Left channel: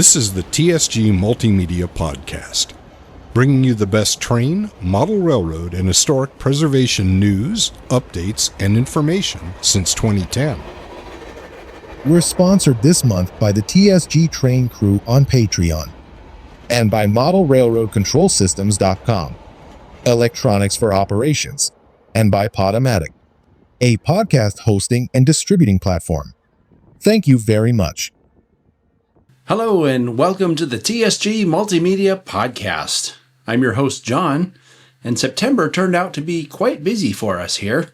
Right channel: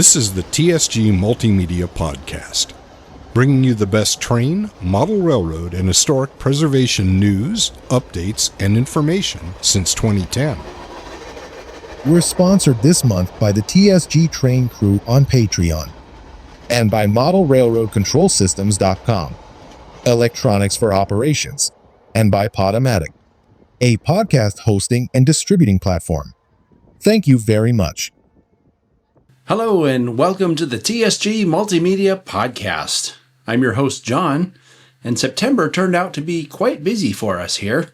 This is the TSG Multimedia Podcast, bringing you the best train, model railroad, and historic preservation news, updates, and information since 2010. We're sponsored this month by the TSG Train Crew on Patreon and by ModelRailroadControlSystems.com, Electronics for Operations, and by Podomatic, a podcast hosting and distributing platform. Thank you very much. Hello and welcome to the TSG Multimedia Podcast. I'm your host, John, and September turned out to be quite busy for us here,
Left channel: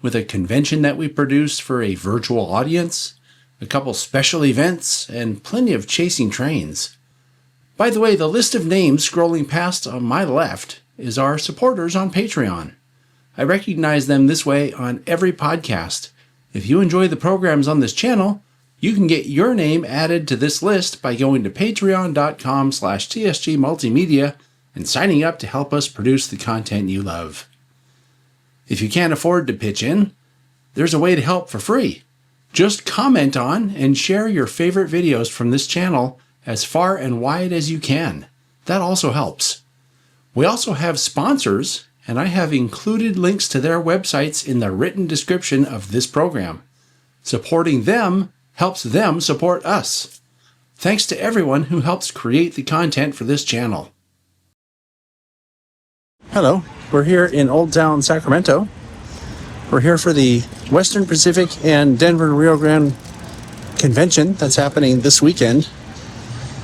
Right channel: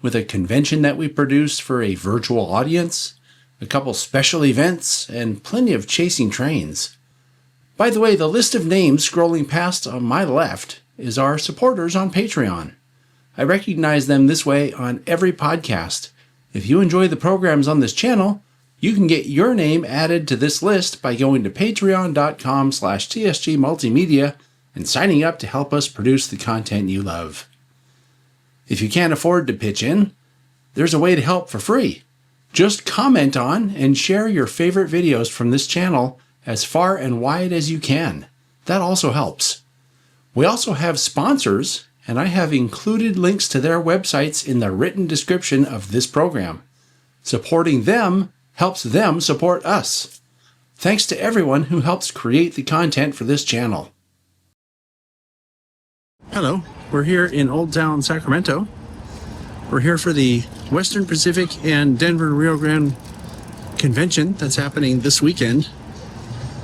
with a convention that we produced for a virtual audience, a couple special events, and plenty of chasing trains. By the way, the list of names scrolling past on my left is our supporters on Patreon. I recognize them this way on every podcast. If you enjoy the programs on this channel, you can get your name added to this list by going to patreon.com/TSG Multimedia and signing up to help us produce the content you love. If you can't afford to pitch in, there's a way to help for free. Just comment on and share your favorite videos from this channel as far and wide as you can. That also helps. We also have sponsors, and I have included links to their websites in the written description of this program. Supporting them helps them support us. Thanks to everyone who helps create the content for this channel. Hello, we're here in Old Town, Sacramento. We're here for the Western Pacific and Denver Rio Grande convention that's happening this weekend.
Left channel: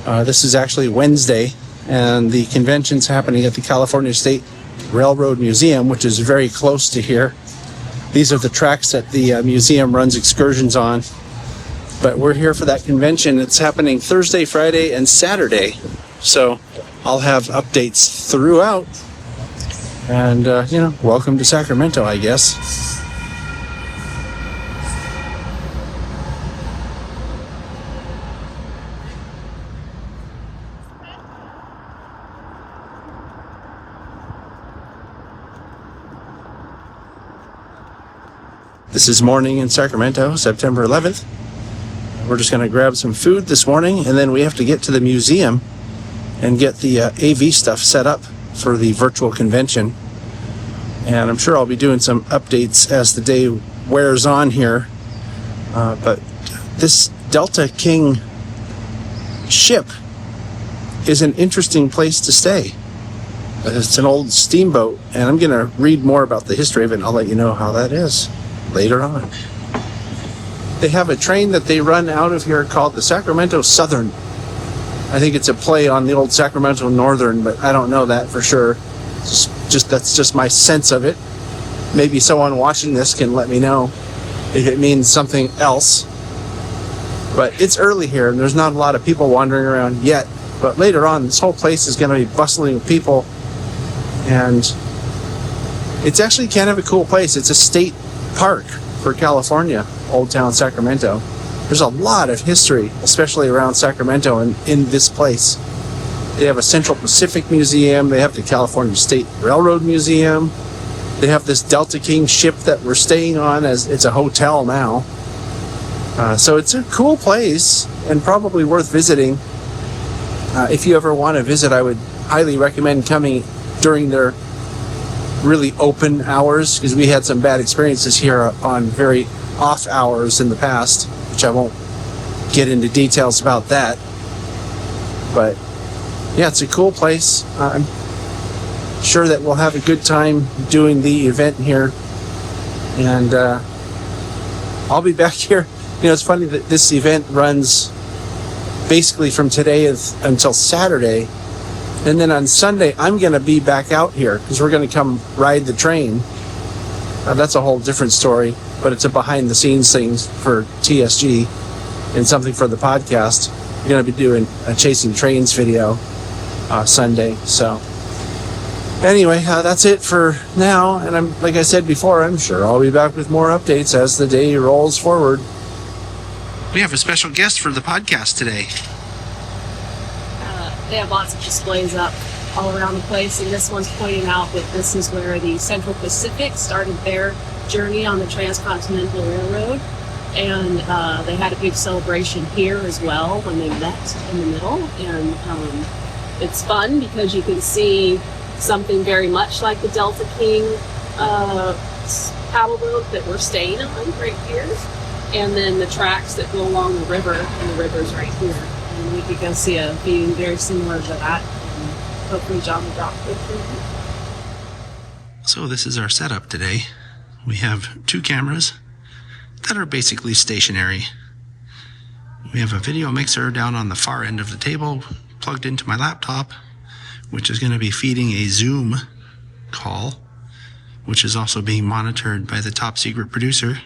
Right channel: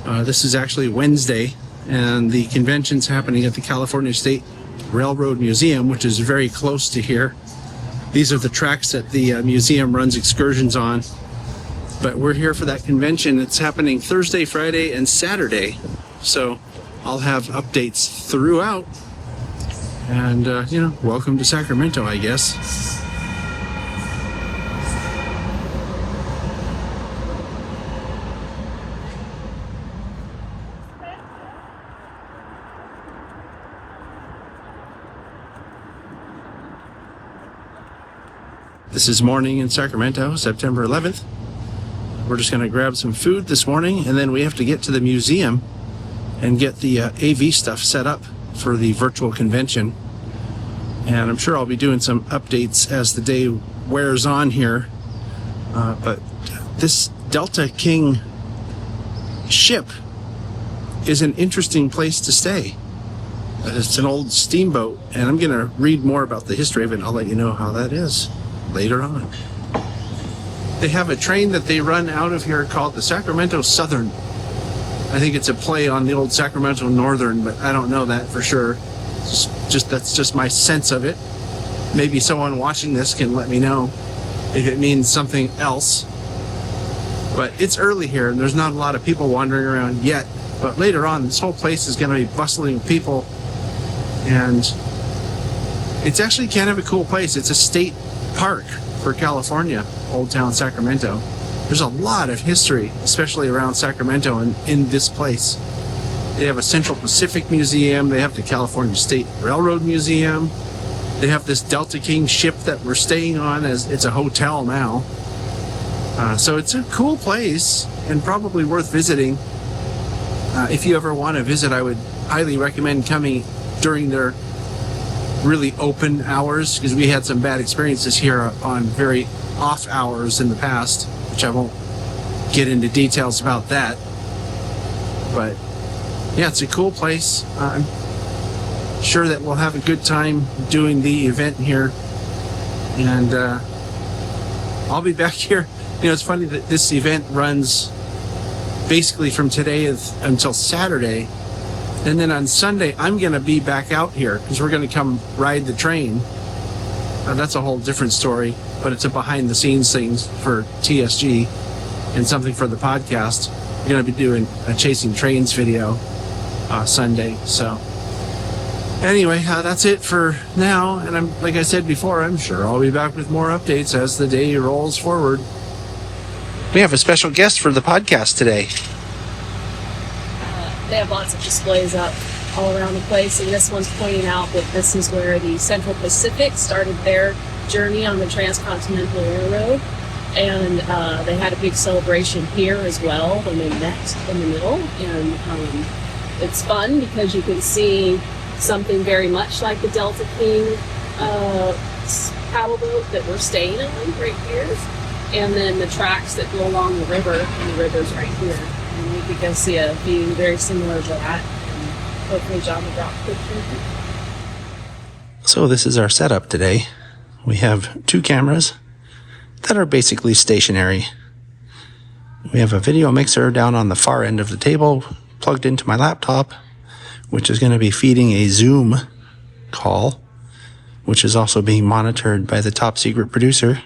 This is actually Wednesday, and the convention's happening at the California State Railroad Museum, which is very close to here. These are the tracks that the museum runs excursions on. But we're here for that convention. It's happening Thursday, Friday, and Saturday. So I'll have updates throughout. And, welcome to Sacramento, I guess. This is morning in Sacramento, September 11th. We're just going to grab some food this morning, and then we have to get to the museum and get the AV stuff set up for the virtual convention. And I'm sure I'll be doing some updates as the day wears on here. But this Delta King ship is an interesting place to stay. It's an old steamboat, and I'm going to read more about the history of it, and I'll let you know how that is later on. They have a train that they run out of here called the Sacramento Southern. I think it's a play on the old Sacramento Northern, but I don't know that for sure. That's just my sense of it. Maybe someone watching this can let me know if it means something else. But it's early here, and there's not a lot of people wandering around yet. But later on, this whole place is going to be bustling with people. And it's actually kind of a cool place. It's a state park for California, Old Town Sacramento. There's a lot of history, especially around Sacramento and in this place. They have a Central Pacific Museum. They have the California State Railroad Museum. They have this Delta King ship that we're staying on, as it's a hotel now. So it's a cool place and probably worth visiting. If you ever want to visit, I would highly recommend coming during their really open hours, because we had some bad experiences here on very off hours in the past, which I won't get into details about that. But yeah, it's a cool place. I'm sure that we'll have a good time doing the event here, and I'll be back here. It's funny that this event runs basically from today until Saturday. And then on Sunday, I'm going to be back out here because we're going to come ride the train. That's a whole different story, but it's a behind-the-scenes thing for TSG and something for the podcast. We're going to be doing a Chasing Trains video Sunday. So anyway, that's it for now. And like I said before, I'm sure I'll be back with more updates as the day rolls forward. We have a special guest for the podcast today. They have lots of displays up all around the place, and this one's pointing out that this is where the Central Pacific started their journey on the Transcontinental Railroad. And they had a big celebration here as well when they met in the middle. And it's fun because you can see something very much like the Delta King paddle boat that we're staying on right here. And then the tracks that go along the river, and the river's right here. And we could go see a view very similar to that. And hopefully John will drop a picture. So this is our setup today. We have 2 cameras that are basically stationary. We have a video mixer down on the far end of the table plugged into my laptop, which is going to be feeding a Zoom call, which is also being monitored by the top secret producer.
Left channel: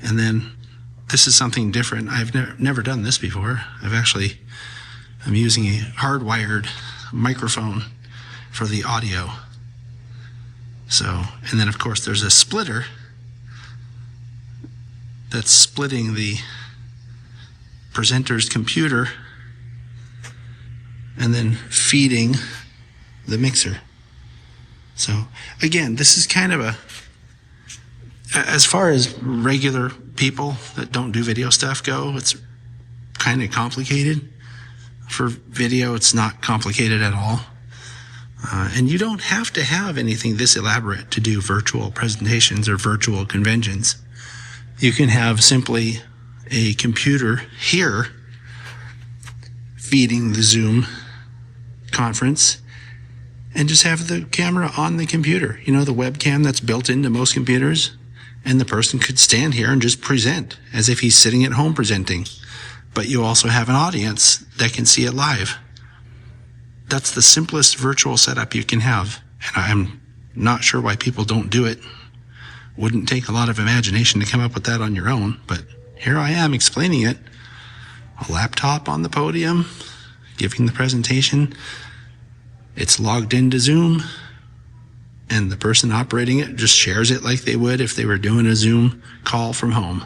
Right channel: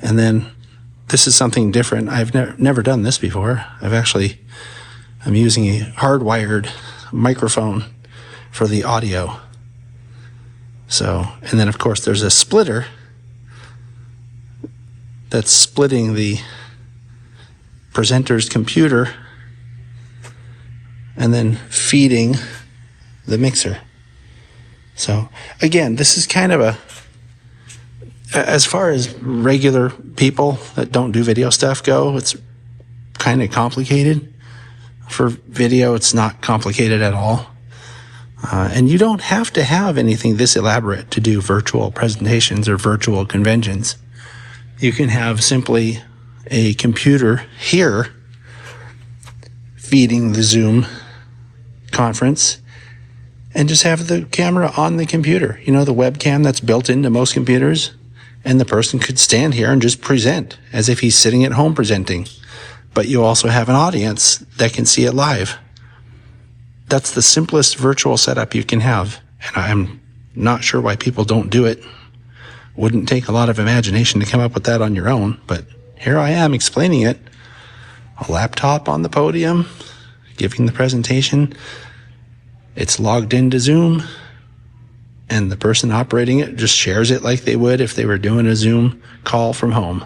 And then this is something different. I've never done this before. I'm using a hardwired microphone for the audio. So, and then of course there's a splitter that's splitting the presenter's computer and then feeding the mixer. So again, this is kind of as far as regular people that don't do video stuff go, it's kind of complicated. For video, it's not complicated at all. And you don't have to have anything this elaborate to do virtual presentations or virtual conventions. You can have simply a computer here feeding the Zoom conference and just have the camera on the computer. You know, the webcam that's built into most computers, and the person could stand here and just present as if he's sitting at home presenting. But you also have an audience that can see it live. That's the simplest virtual setup you can have. And I'm not sure why people don't do it. Wouldn't take a lot of imagination to come up with that on your own, but here I am explaining it. A laptop on the podium, giving the presentation. It's logged into Zoom, and the person operating it just shares it like they would if they were doing a Zoom call from home.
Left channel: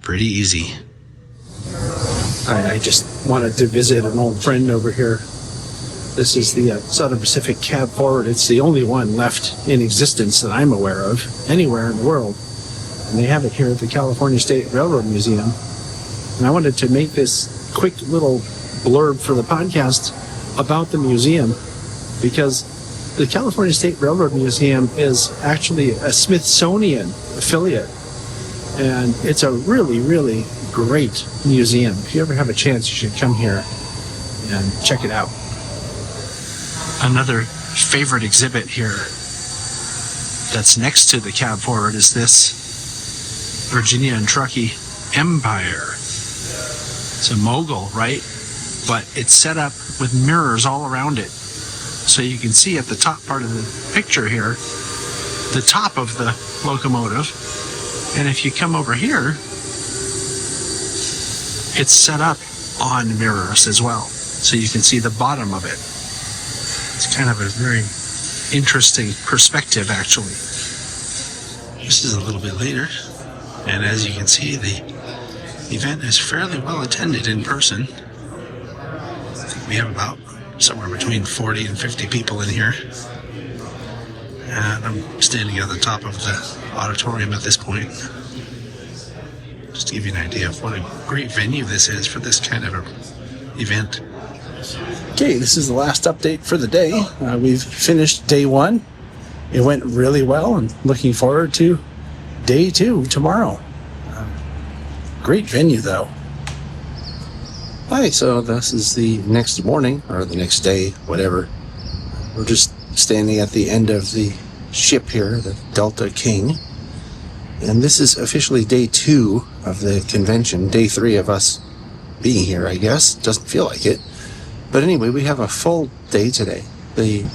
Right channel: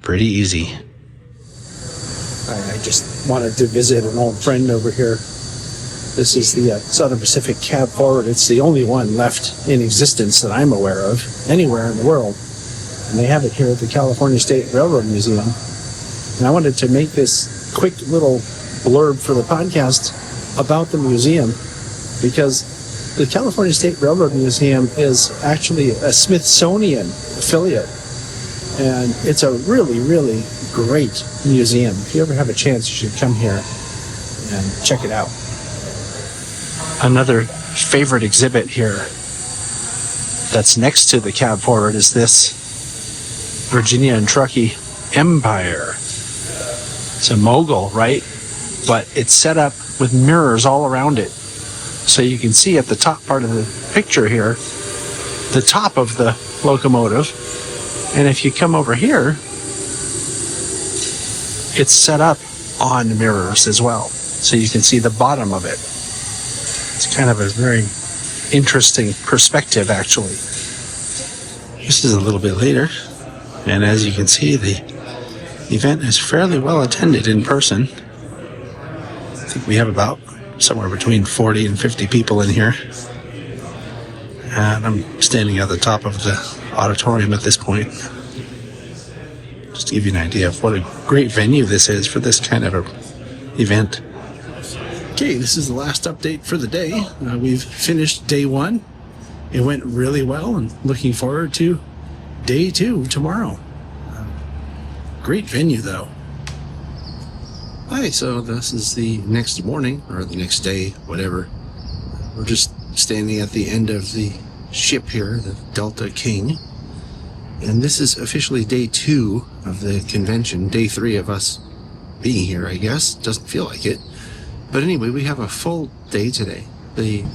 Pretty easy. I just wanted to visit an old friend over here. This is the Southern Pacific Cab Forward. It's the only one left in existence that I'm aware of anywhere in the world. And they have it here at the California State Railroad Museum. And I wanted to make this quick little blurb for the podcast about the museum, because the California State Railroad Museum is actually a Smithsonian affiliate. And it's a really, really great museum. If you ever have a chance, you should come here and check it out. Another favorite exhibit here that's next to the cab forward is this Virginia and Truckee Empire. It's a mogul, right? But it's set up with mirrors all around it. So you can see at the top part of the picture here, the top of the locomotive. And if you come over here, it's set up on mirrors as well. So you can see the bottom of it. It's kind of a very interesting perspective, actually. This is a little bit later. And as you can see, the event is fairly well attended in person. I think we have about somewhere between 40 and 50 people in here. And I'm standing at the top of the auditorium at this point. Just to give you an idea of what a great venue this is for this kind of a event. Okay, this is the last update for the day. We've finished day 1. It went really well, and looking forward to day 2 tomorrow. Great venue, though. Hi, so this is the next morning, or the next day, whatever. We're just standing at the end of the ship here, the Delta King. And this is officially day 2 of the convention, day 3 of us being here, I guess. Doesn't feel like it. But anyway, we have a full day today. The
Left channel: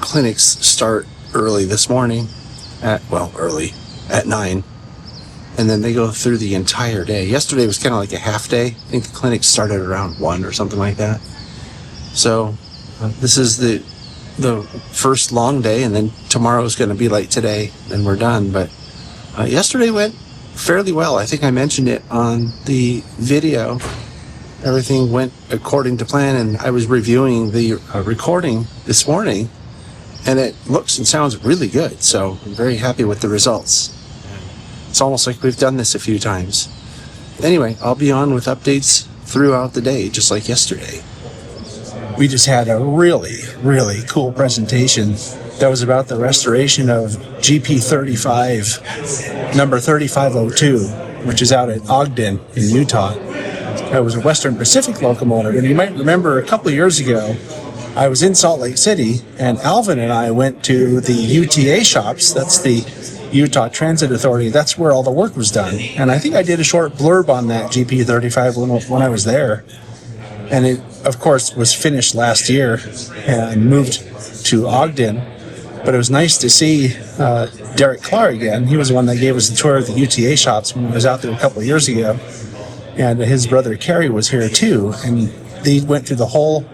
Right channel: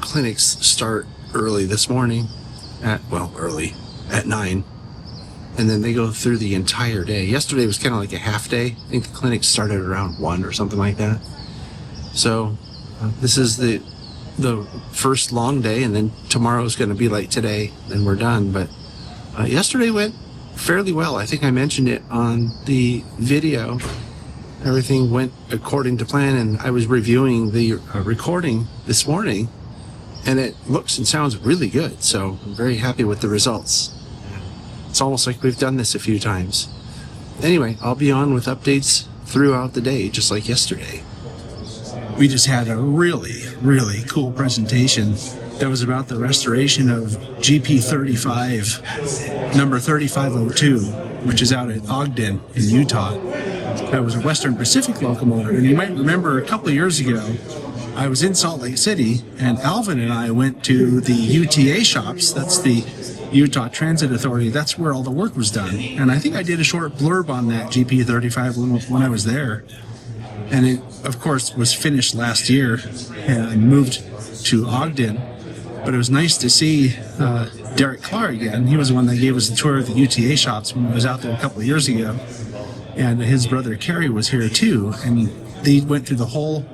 clinics start early this morning, early, at 9. And then they go through the entire day. Yesterday was kind of like a half day. I think the clinic started around 1 or something like that. So this is the first long day, and then tomorrow's going to be like today, and we're done. But yesterday went fairly well. I think I mentioned it on the video. Everything went according to plan, and I was reviewing the recording this morning, and it looks and sounds really good. So I'm very happy with the results. It's almost like we've done this a few times. Anyway, I'll be on with updates throughout the day, just like yesterday. We just had a really, really cool presentation that was about the restoration of GP35, number 3502, which is out at Ogden in Utah. That was a Western Pacific locomotive. And you might remember a couple of years ago, I was in Salt Lake City, and Alvin and I went to the UTA shops. That's the Utah Transit Authority. That's where all the work was done. And I think I did a short blurb on that GP35 when I was there. And it, of course, was finished last year and moved to Ogden. But it was nice to see Derek Clark again. He was the one that gave us a tour of the UTA shops when I was out there a couple of years ago. And his brother Kerry was here too. And they went through the whole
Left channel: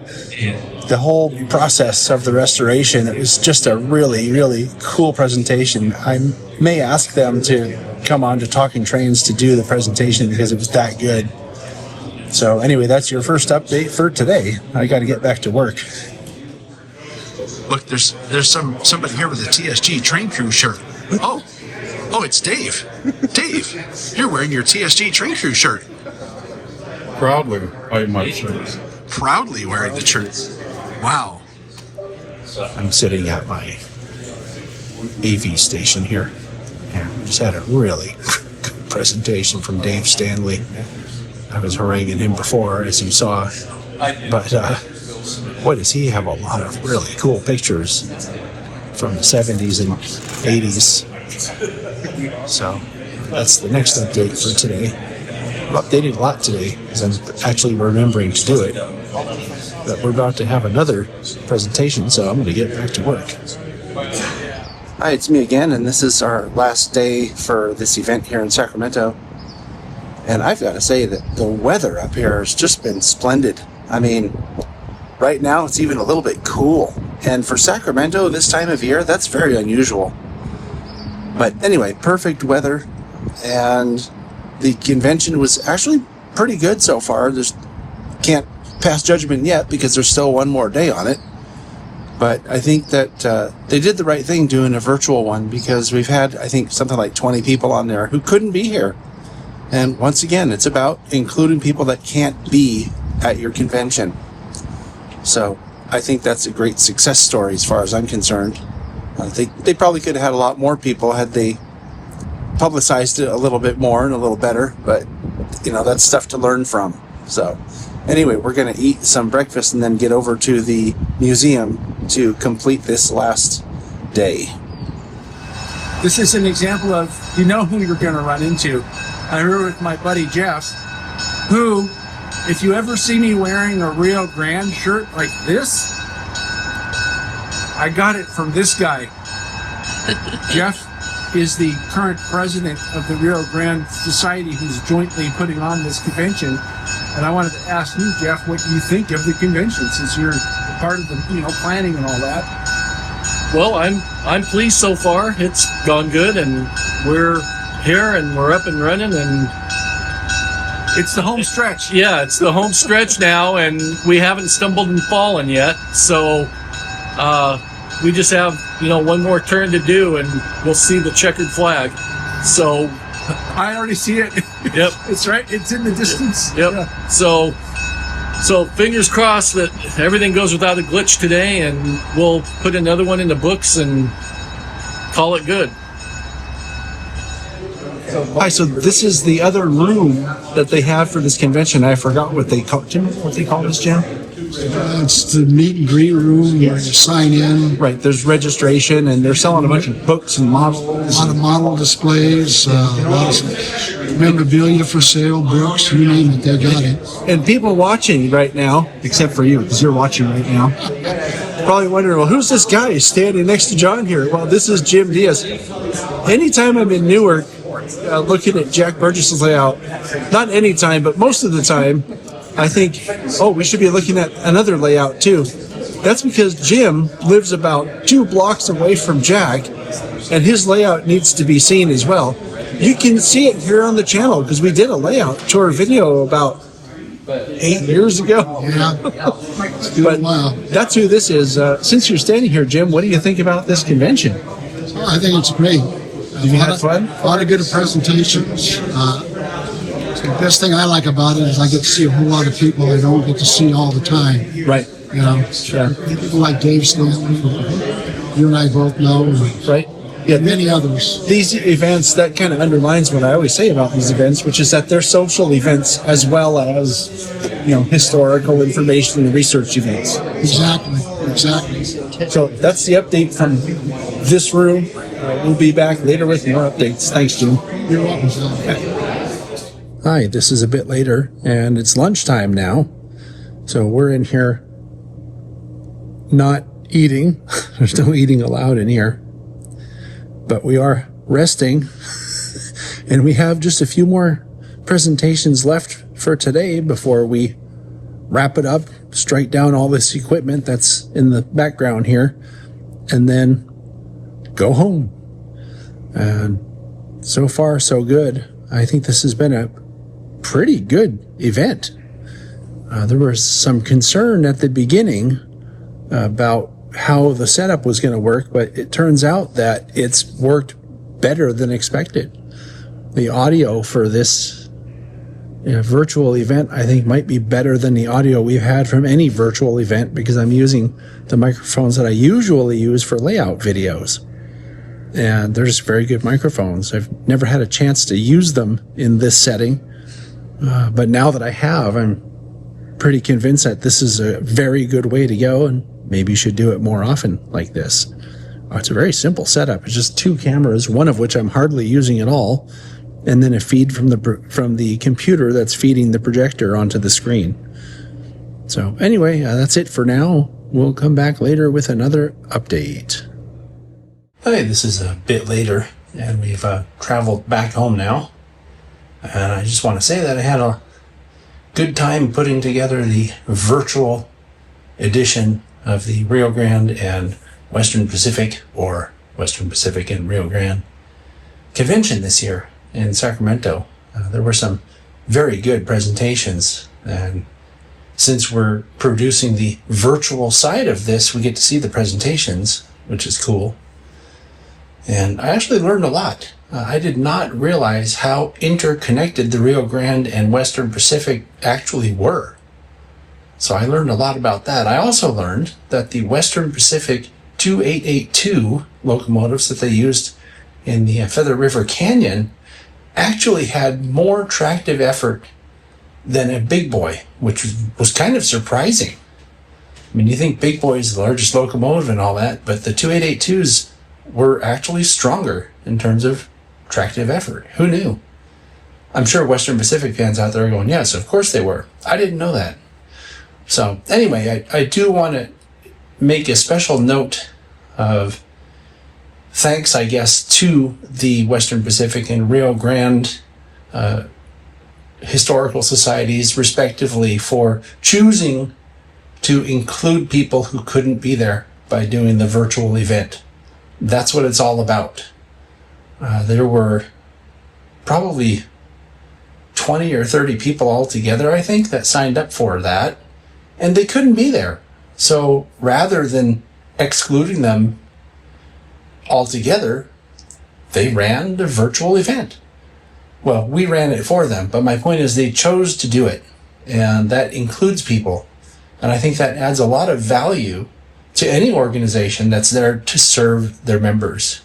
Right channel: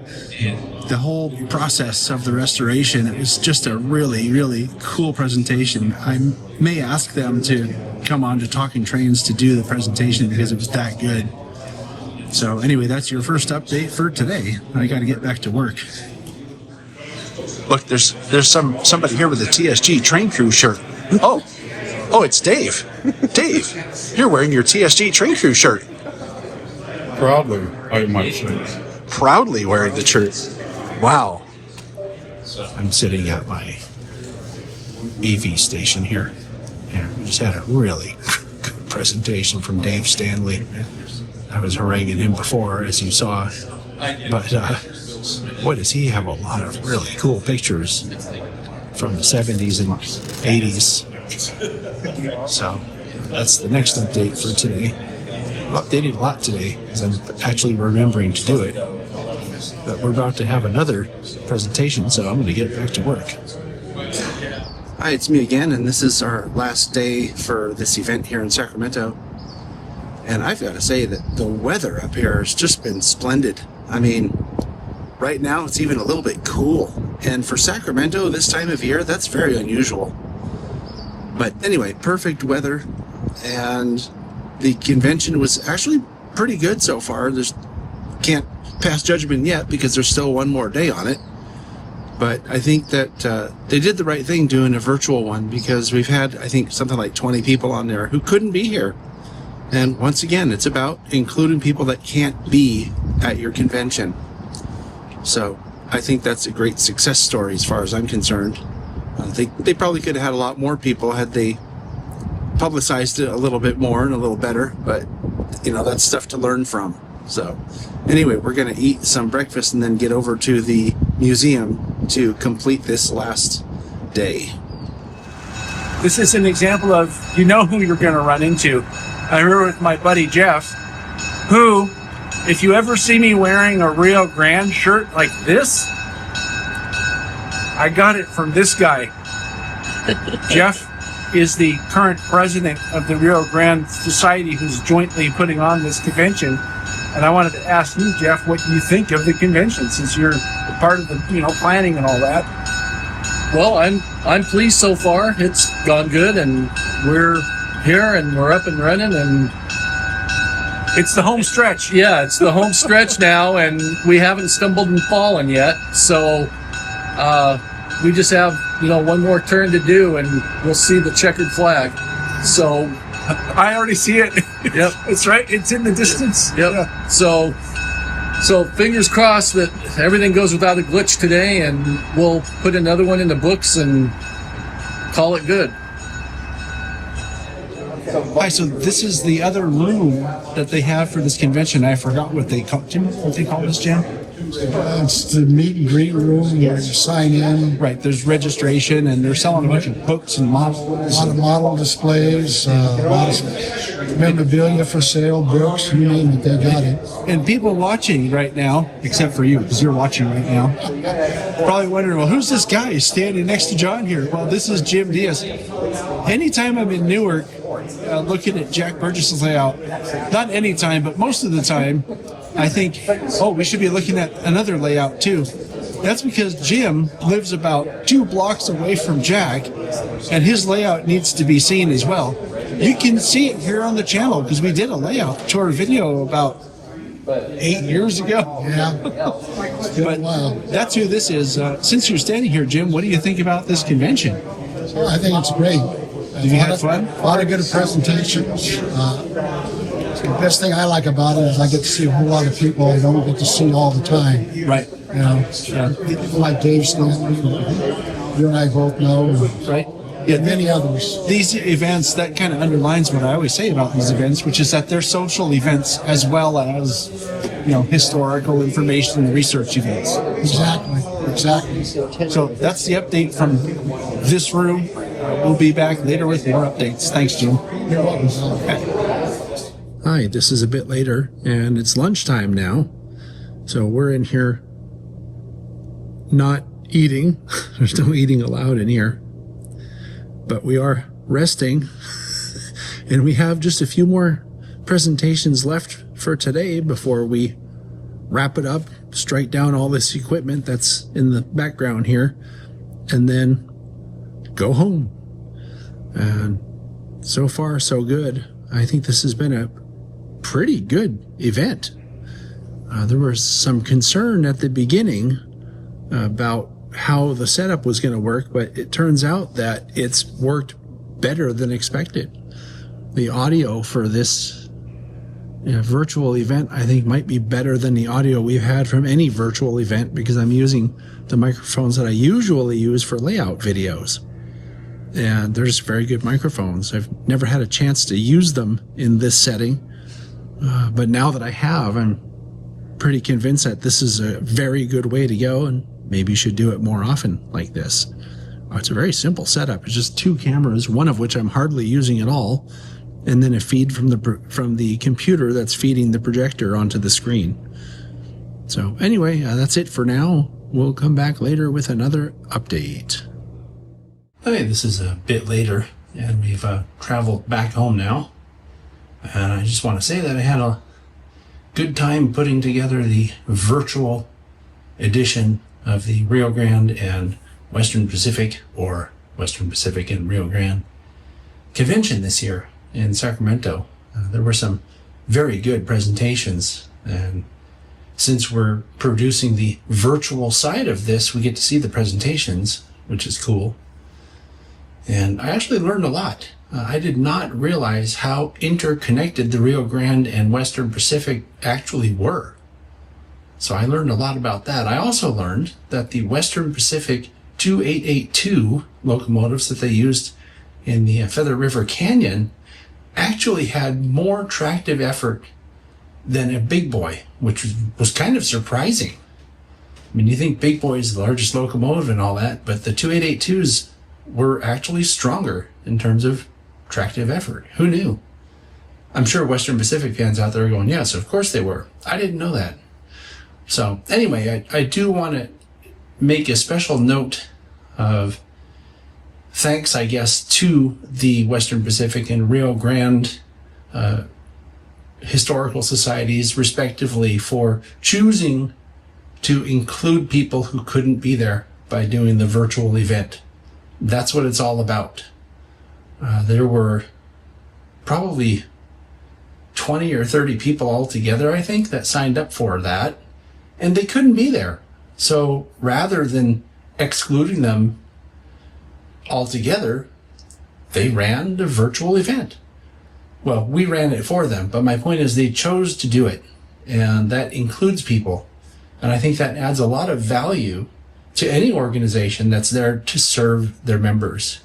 process of the restoration. It was just a really, really cool presentation. I may ask them to come on to Talking Trains to do the presentation because it was that good. So anyway, that's your first update for today. I got to get back to work. Look, there's somebody here with a TSG train crew shirt. Oh, it's Dave. Dave, you're wearing your TSG train crew shirt. Proudly, I might say. Proudly wearing the shirt. Wow. I'm sitting at my AV station here, and we just had a really good presentation from Dave Stanley. I was haranguing him before, as you saw, but boy, does he have a lot of really cool pictures from the 70s and 80s. So that's the next update for today. I've updated a lot today because I'm actually remembering to do it. But we're about to have another presentation, so I'm going to get back to work. Hi, it's me again, and this is our last day for this event here in Sacramento. And I've got to say that the weather up here has just been splendid. I mean, right now it's even a little bit cool. And for Sacramento this time of year, that's very unusual. But anyway, perfect weather. And the convention was actually pretty good so far. Can't pass judgment yet because there's still one more day on it. But I think that they did the right thing doing a virtual one because we've had, I think, something like 20 people on there who couldn't be here. And once again, it's about including people that can't be at your convention. So I think that's a great success story as far as I'm concerned. They probably could have had a lot more people had they publicized it a little bit more and a little better, but that's stuff to learn from. So anyway, we're going to eat some breakfast and then get over to the museum to complete this last day. This is an example of, who you're going to run into. I'm here with my buddy Jeff, who, if you ever see me wearing a Rio Grande shirt like this, I got it from this guy. Jeff is the current president of the Rio Grande Society, who's jointly putting on this convention. And I wanted to ask you, Jeff, what you think of the convention, since you're part of the planning and all that. Well, I'm pleased so far. It's gone good, and we're here and we're up and running, and it's the home stretch. Yeah, it's the home stretch now, and we haven't stumbled and fallen yet. So we just have one more turn to do, and we'll see the checkered flag. So I already see it. Yep. It's right. It's in the distance. Yep. Yeah. So fingers crossed that everything goes without a glitch today, and we'll put another one in the books and call it good. Hi, so this is the other room that they have for this convention. I forgot what they call. Do you remember what they call this, Jim? It's the meet and greet room where you sign in. Right, there's registration, and they're selling a bunch of books and models. A lot of model displays, a lot of memorabilia for sale, books, you name it, they got it. And people watching right now, except for you, because you're watching right now, probably wondering, well, who's this guy standing next to John here? Well, this is Jim Diaz. Anytime I'm in Newark, looking at Jack Burgess's layout, not any time, but most of the time, I think, we should be looking at another layout too. That's because Jim lives about 2 blocks away from Jack, and his layout needs to be seen as well. You can see it here on the channel because we did a layout tour video about 8 years ago. Yeah, but that's who this is. Since you're standing here, Jim, what do you think about this convention? I think it's great. You had fun? A lot of good presentations. The best thing I like about it is I get to see a whole lot of people I don't get to see all the time. Right. You know, people like Dave Stanley, you and I both know, and Right. Yeah, many others. These events, that kind of underlines what I always say about these events, which is that they're social events as well as, historical information and research events. Exactly. So that's the update from this room. We'll be back later with more updates. Thanks, Jim. You're welcome, Tom. Hi, this is a bit later, and it's lunchtime now. So we're in here not eating. There's no eating allowed in here. But we are resting, and we have just a few more presentations left for today before we wrap it up, strike down all this equipment that's in the background here, and then go home. And so far, so good. I think this has been a pretty good event. There was some concern at the beginning about how the setup was going to work, but it turns out that it's worked better than expected. The audio for this virtual event, I think, might be better than the audio we've had from any virtual event, because I'm using the microphones that I usually use for layout videos. And they're just very good microphones. I've never had a chance to use them in this setting, but now that I have, I'm pretty convinced that this is a very good way to go, and maybe you should do it more often like this. It's a very simple setup. It's just two cameras, one of which I'm hardly using at all, and then a feed from the computer that's feeding the projector onto the screen. So anyway, that's it for now. We'll come back later with another update. Hi, this is a bit later, and we've traveled back home now. And I just want to say that I had a good time putting together the virtual edition of the Rio Grande and Western Pacific, or Western Pacific and Rio Grande convention this year in Sacramento. There were some very good presentations, and since we're producing the virtual side of this, we get to see the presentations, which is cool. And I actually learned a lot. I did not realize how interconnected the Rio Grande and Western Pacific actually were. So I learned a lot about that. I also learned that the Western Pacific 2882 locomotives that they used in the Feather River Canyon actually had more tractive effort than a Big Boy, which was kind of surprising. I mean, you think Big Boy is the largest locomotive and all that, but the 2882s were actually stronger in terms of tractive effort. Who knew? I'm sure Western Pacific fans out there are going, yes, of course they were. I didn't know that. So anyway, I do want to make a special note of thanks, I guess, to the Western Pacific and Rio Grande historical societies, respectively, for choosing to include people who couldn't be there by doing the virtual event. That's what it's all about. There were probably 20 or 30 people altogether, I think, that signed up for that, and they couldn't be there. So rather than excluding them altogether, they ran the virtual event. Well, we ran it for them, but my point is they chose to do it, and that includes people. And I think that adds a lot of value to any organization that's there to serve their members.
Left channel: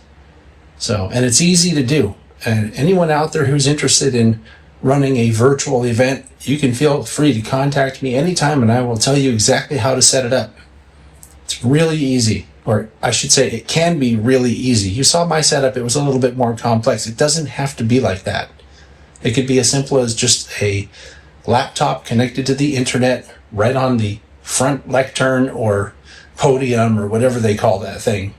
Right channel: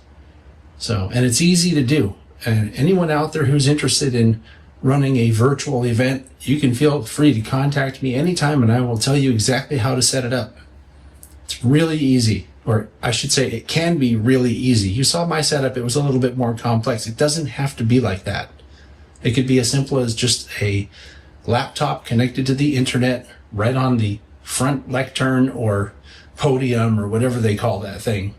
So, and it's easy to do. And anyone out there who's interested in running a virtual event, you can feel free to contact me anytime, and I will tell you exactly how to set it up. It's really easy, or I should say it can be really easy. You saw my setup, it was a little bit more complex. It doesn't have to be like that. It could be as simple as just a laptop connected to the internet right on the front lectern or podium or whatever they call that thing.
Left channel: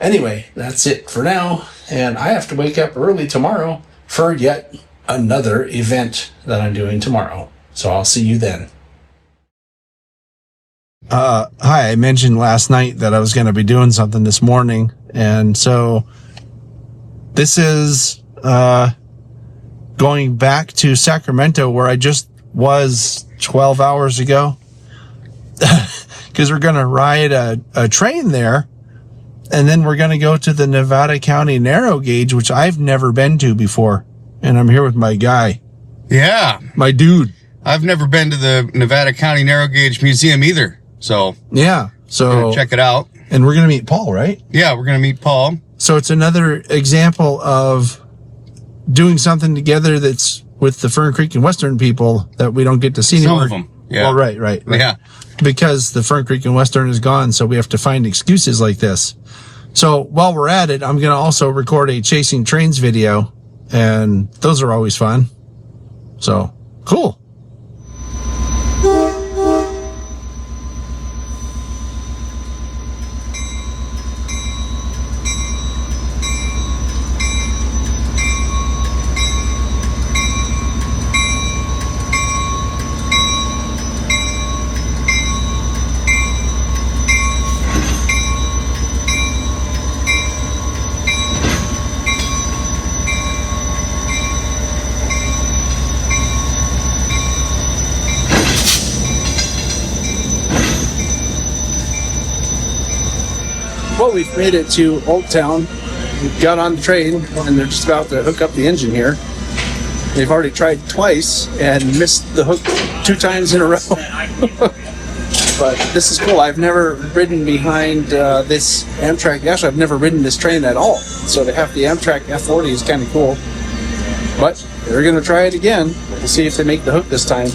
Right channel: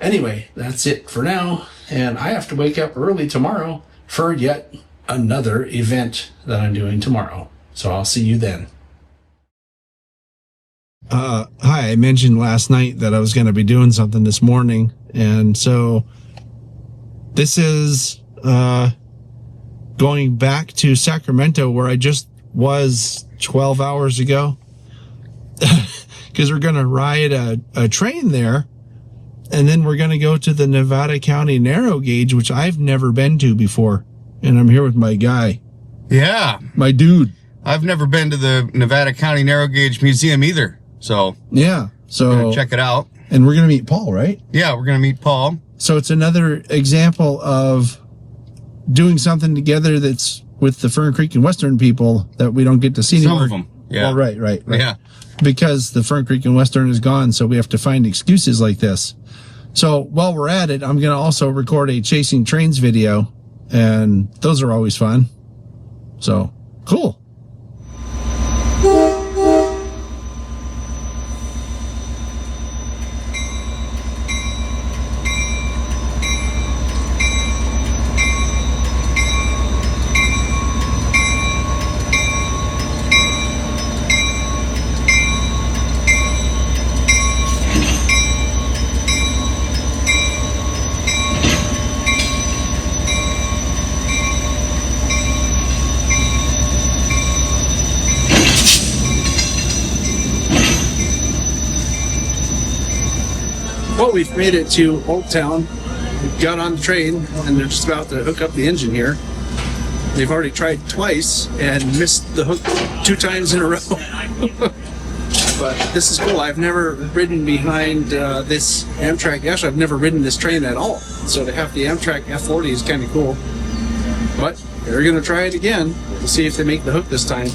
Anyway, that's it for now, and I have to wake up early tomorrow for yet another event that I'm doing tomorrow. So I'll see you then. Hi, I mentioned last night that I was going to be doing something this morning, and so this is going back to Sacramento, where I just was 12 hours ago, because we're going to ride a train there, And then we're going to go to the Nevada County Narrow Gauge, which I've never been to before. And I'm here with my guy. Yeah. My dude. I've never been to the Nevada County Narrow Gauge Museum either. So yeah. So check it out. And we're going to meet Paul, right? Yeah, we're going to meet Paul. So it's another example of doing something together that's with the Fern Creek and Western people that we don't get to see anymore. Some of them. Yeah. Well, right. Yeah. Because the Fern Creek and Western is gone, so we have to find excuses like this. So while we're at it, I'm going to also record a Chasing Trains video, and those are always fun. So, cool. Well, we've made it to Old Town. We've got on the train, and they're just about to hook up the engine here. They've already tried twice and missed the hook 2 times in a row. But this is cool. I've never ridden behind this Amtrak. Actually, I've never ridden this train at all. So to have the Amtrak F40 is kind of cool. But they're going to try it again. We'll see if they make the hook this time.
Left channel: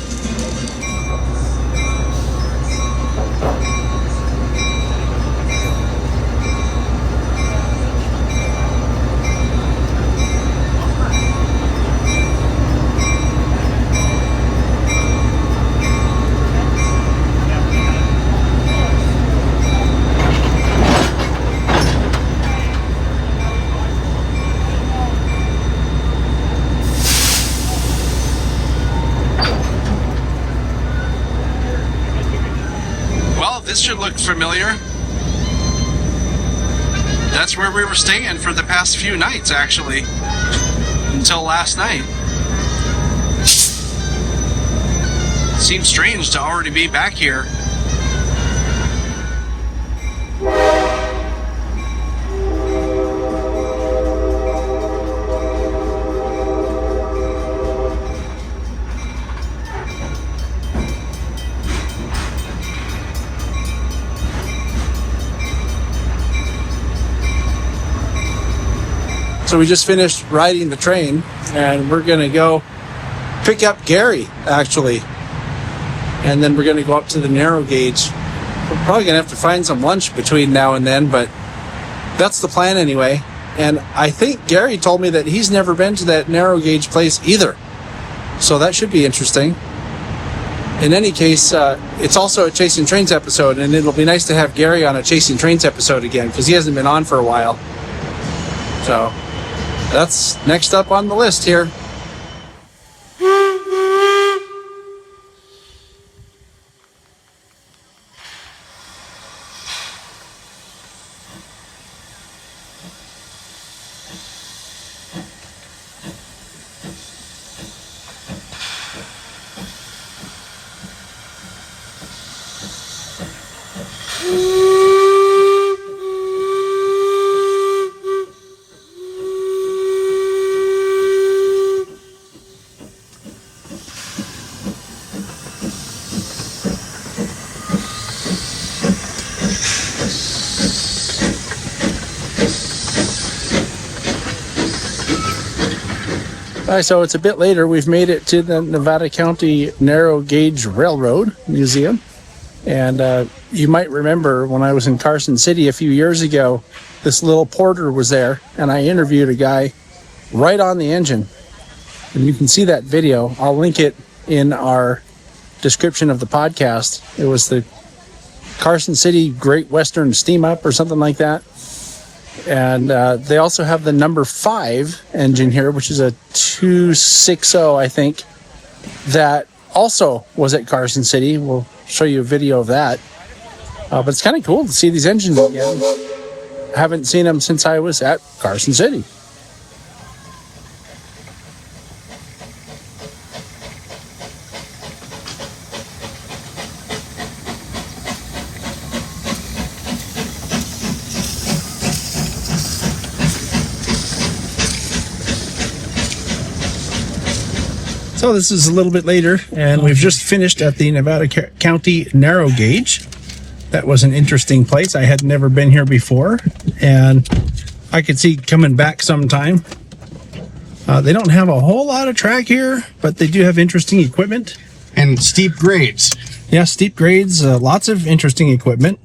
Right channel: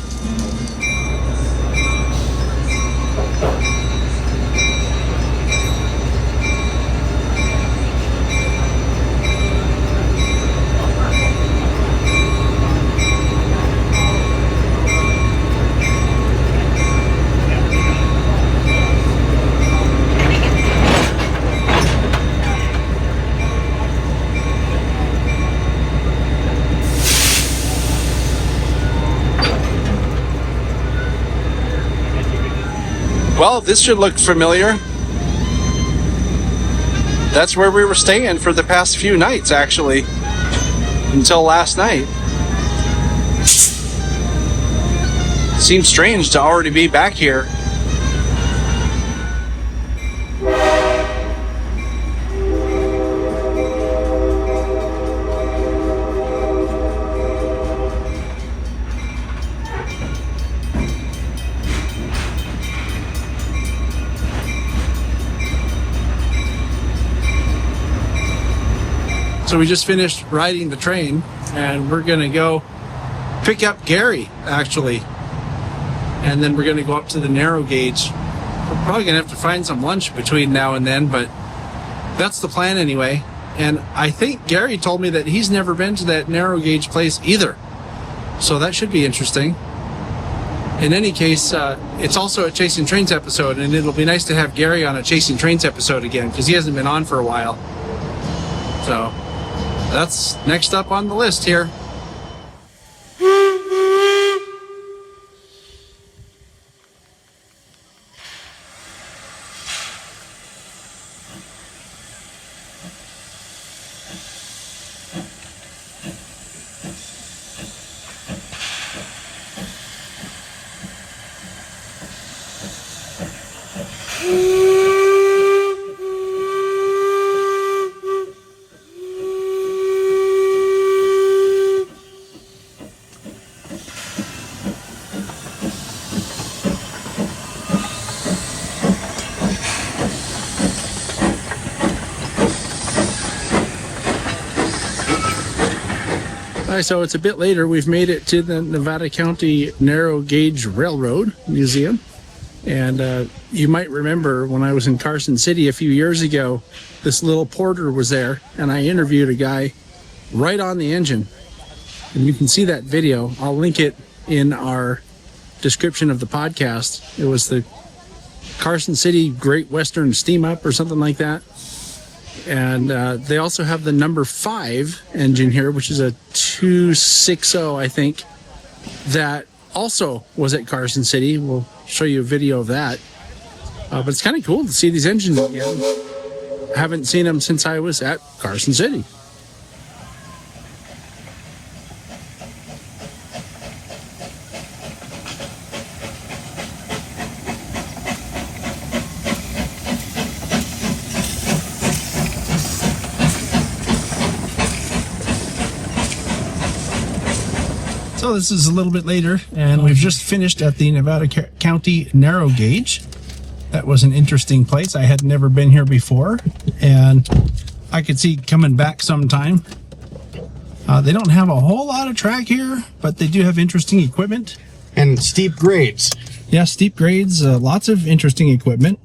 Well, this should look familiar. That's where we were staying for the past few nights, actually. Until last night. Seems strange to already be back here. So we just finished riding the train, and we're going to go pick up Gary, actually. And then we're going to go up to the narrow gauge. We're probably going to have to find some lunch between now and then, but that's the plan anyway. And I think Gary told me that he's never been to that narrow gauge place either. So that should be interesting. In any case, it's also a Chasing Trains episode, and it'll be nice to have Gary on a Chasing Trains episode again, because he hasn't been on for a while. So that's next up on the list here. All right, so it's a bit later. We've made it to the Nevada County Narrow Gauge Railroad Museum. And you might remember when I was in Carson City a few years ago, this little porter was there, and I interviewed a guy right on the engine. And you can see that video. I'll link it in our description of the podcast. It was the Carson City Great Western Steam Up or something like that. And they also have the number 5 engine here, which is a 260, I think, that also was at Carson City. We'll show you a video of that. But it's kind of cool to see these engines again. I haven't seen them since I was at Carson City. So this is a little bit later, and we've just finished at the Nevada County Narrow Gauge. That was an interesting place. I had never been here before, and I could see coming back sometime. They don't have a whole lot of track here, but they do have interesting equipment. And steep grades. Yeah, steep grades, lots of interesting equipment.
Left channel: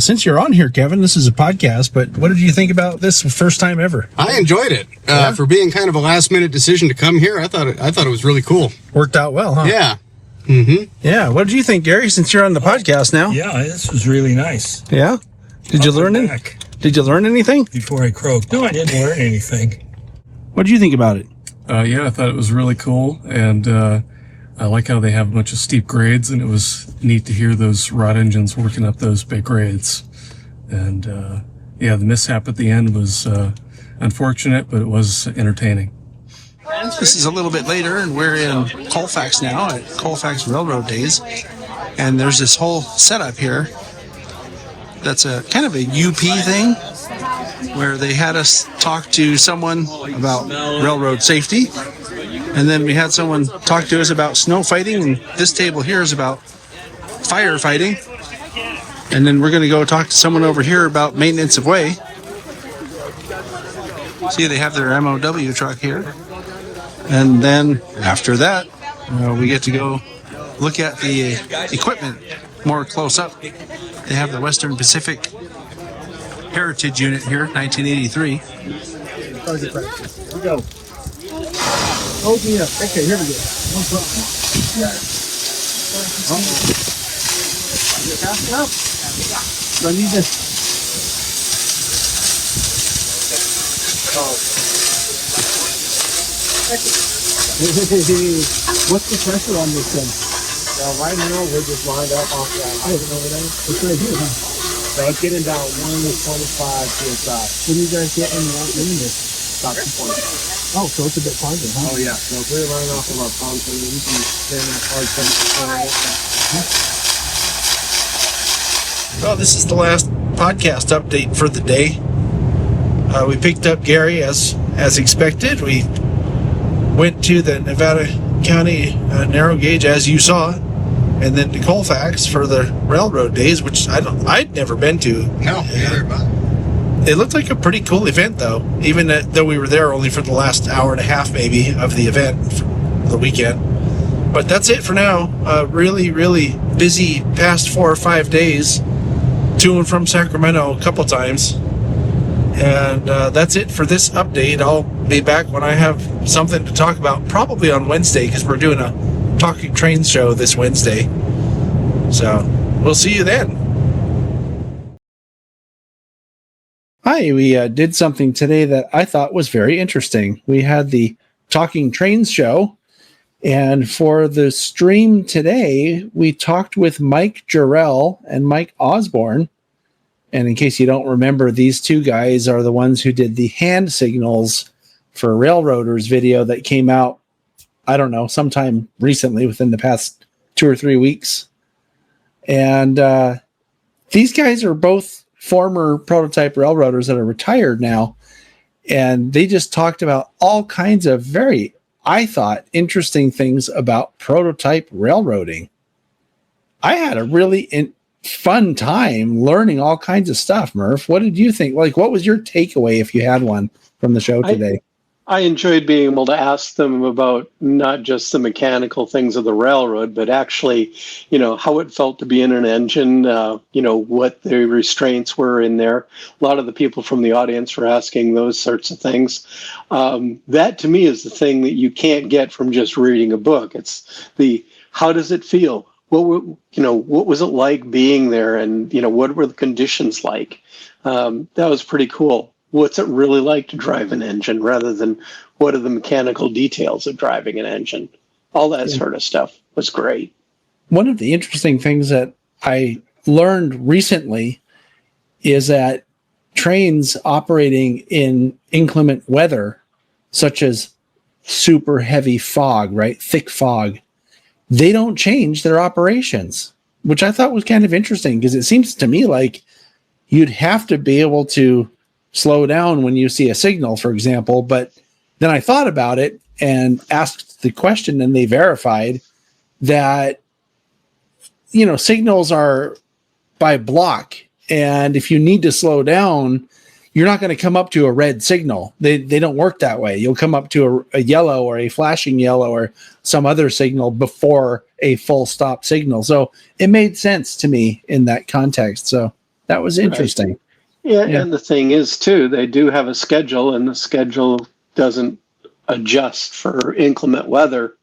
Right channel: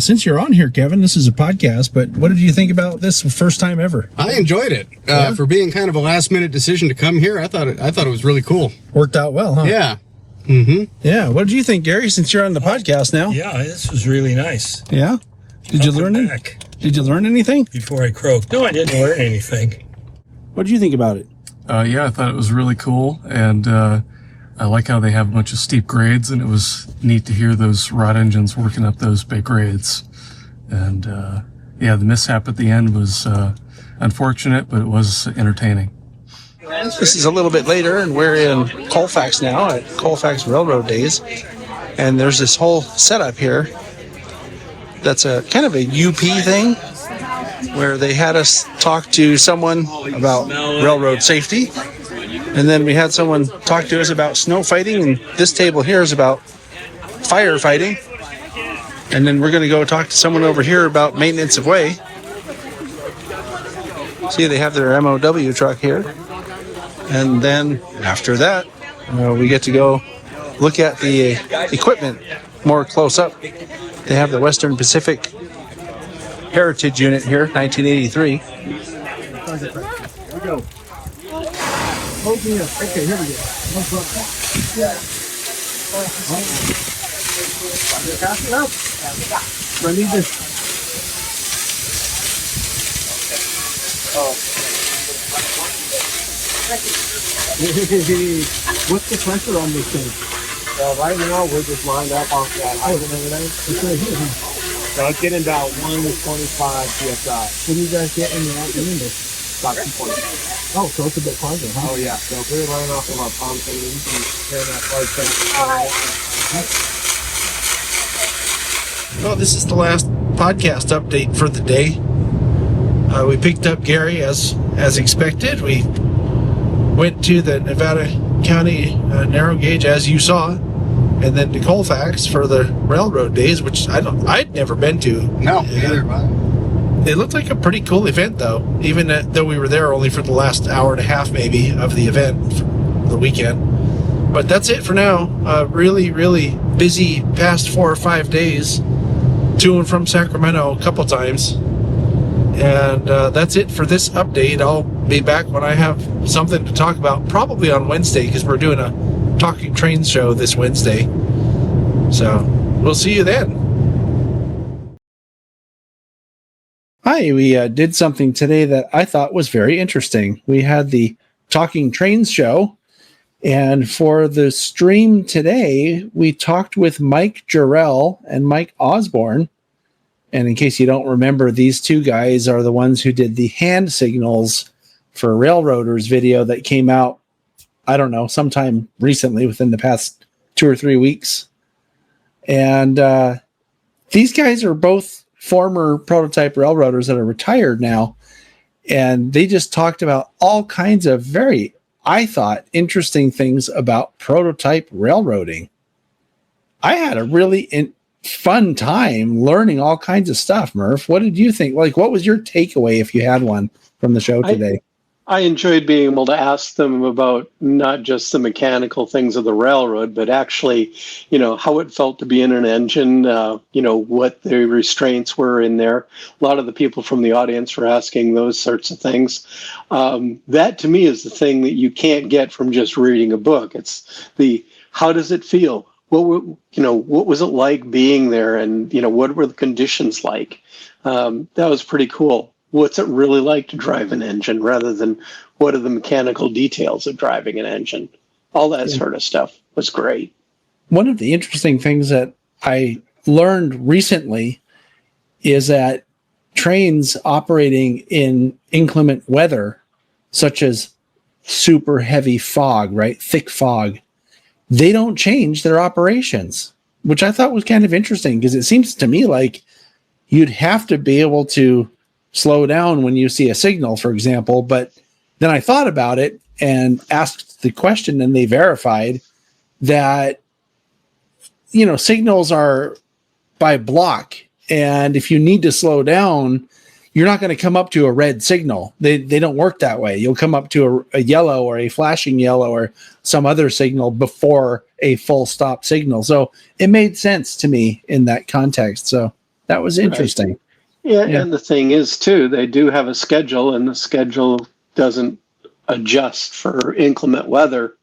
Since you're on here, Kevin, this is a podcast, but what did you think about this first time ever? I enjoyed it. For being kind of a last minute decision to come here, I thought it was really cool. Worked out well, huh? Yeah. Mm-hmm. Yeah. What did you think, Gary, since you're on the podcast now? Yeah, this was really nice. Yeah? Did you learn anything? Did you learn anything? Before I croaked. No, I didn't learn anything. What did you think about it? Yeah, I thought it was really cool, and I like how they have a bunch of steep grades, and it was neat to hear those rod engines working up those big grades. And yeah, the mishap at the end was unfortunate, but it was entertaining. This is a little bit later, and we're in Colfax now at Colfax Railroad Days, and there's this whole setup here that's a kind of a UP thing, where they had us talk to someone about railroad safety, and then we had someone talk to us about snow fighting, and this table here is about firefighting, and then we're going to go talk to someone over here about maintenance of way. See, they have their MOW truck here, and then after that we get to go look at the equipment more close up. They have the Western Pacific Heritage Unit here, 1983. Go. Hold me up. Okay, here we go. No problem. Pass it out. Do I need this? What's the pressure on this thing? Right now, we're just lined up off that height and everything. It's right here, huh? So it's getting about 125 psi. What do you guys get in the this? About 2.5. Oh, so it's a bit farther, huh? Oh, yeah. So if we're running off of our pump, and we can turn that hard pressure. Well, this is the last podcast update for the day. We picked up Gary as expected. We went to the Nevada County Narrow Gauge, as you saw, and then to Colfax for the railroad days, which I'd never been to. No, It looked like a pretty cool event, though, even though we were there only for the last hour and a half, maybe, of the event, the weekend. But that's it for now. Really, really busy past 4 or 5 days, to and from Sacramento a couple times. And that's it for this update. I'll be back when I have something to talk about, probably on Wednesday, because we're doing a Talking Trains show this Wednesday. So we'll see you then. Hi, we did something today that I thought was very interesting. We had the Talking Trains show, and for the stream today, we talked with Mike Jarrell and Mike Osborne. And in case you don't remember, these two guys are the ones who did the hand signals for Railroaders video that came out, I don't know, sometime recently within the past 2 or 3 weeks. And these guys are both former prototype railroaders that are retired now. And they just talked about all kinds of very, I thought, interesting things about prototype railroading. I had a really fun time learning all kinds of stuff, Murph. What did you think? Like, what was your takeaway, if you had one, from the show today? I enjoyed being able to ask them about not just the mechanical things of the railroad, but actually, how it felt to be in an engine, what the restraints were in there. A lot of the people from the audience were asking those sorts of things. That, to me, is the thing that you can't get from just reading a book. It's how does it feel? What was it like being there, and what were the conditions like? That was pretty cool. What's it really like to drive an engine, rather than what are the mechanical details of driving an engine? All that sort of stuff was great. One of the interesting things that I learned recently is that trains operating in inclement weather, such as super heavy fog, right? Thick fog, they don't change their operations, which I thought was kind of interesting, because it seems to me like you'd have to be able to slow down when you see a signal, for example, but then I thought about it and asked the question, and they verified that, signals are by block. And if you need to slow down, you're not going to come up to a red signal. They don't work that way. You'll come up to a yellow or a flashing yellow or some other signal before a full stop signal. So it made sense to me in that context. So that was interesting. Right. Yeah, and the thing is, too, they do have a schedule, and the schedule doesn't adjust for inclement weather.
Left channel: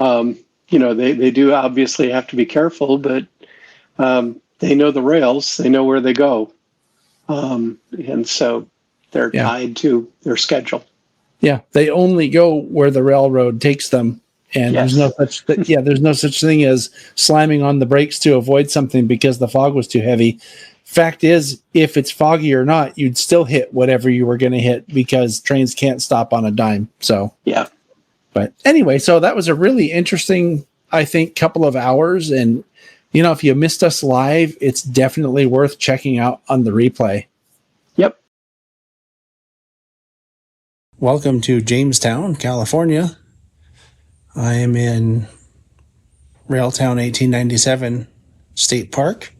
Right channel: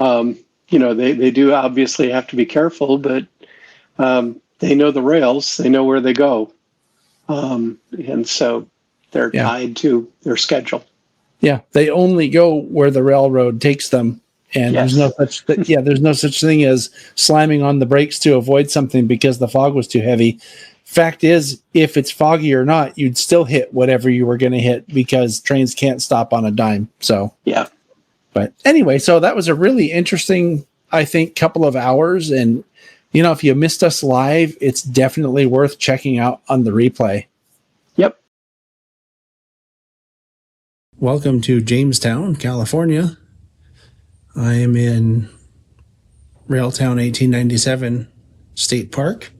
They do obviously have to be careful, but they know the rails, they know where they go. And so they're tied to their schedule. Yeah, they only go where the railroad takes them. And there's no such thing as slamming on the brakes to avoid something because the fog was too heavy. Fact is, if it's foggy or not, you'd still hit whatever you were going to hit because trains can't stop on a dime. So, yeah. But anyway, so that was a really interesting, I think, couple of hours. And, if you missed us live, it's definitely worth checking out on the replay. Yep. Welcome to Jamestown, California. I am in Railtown 1897 State Park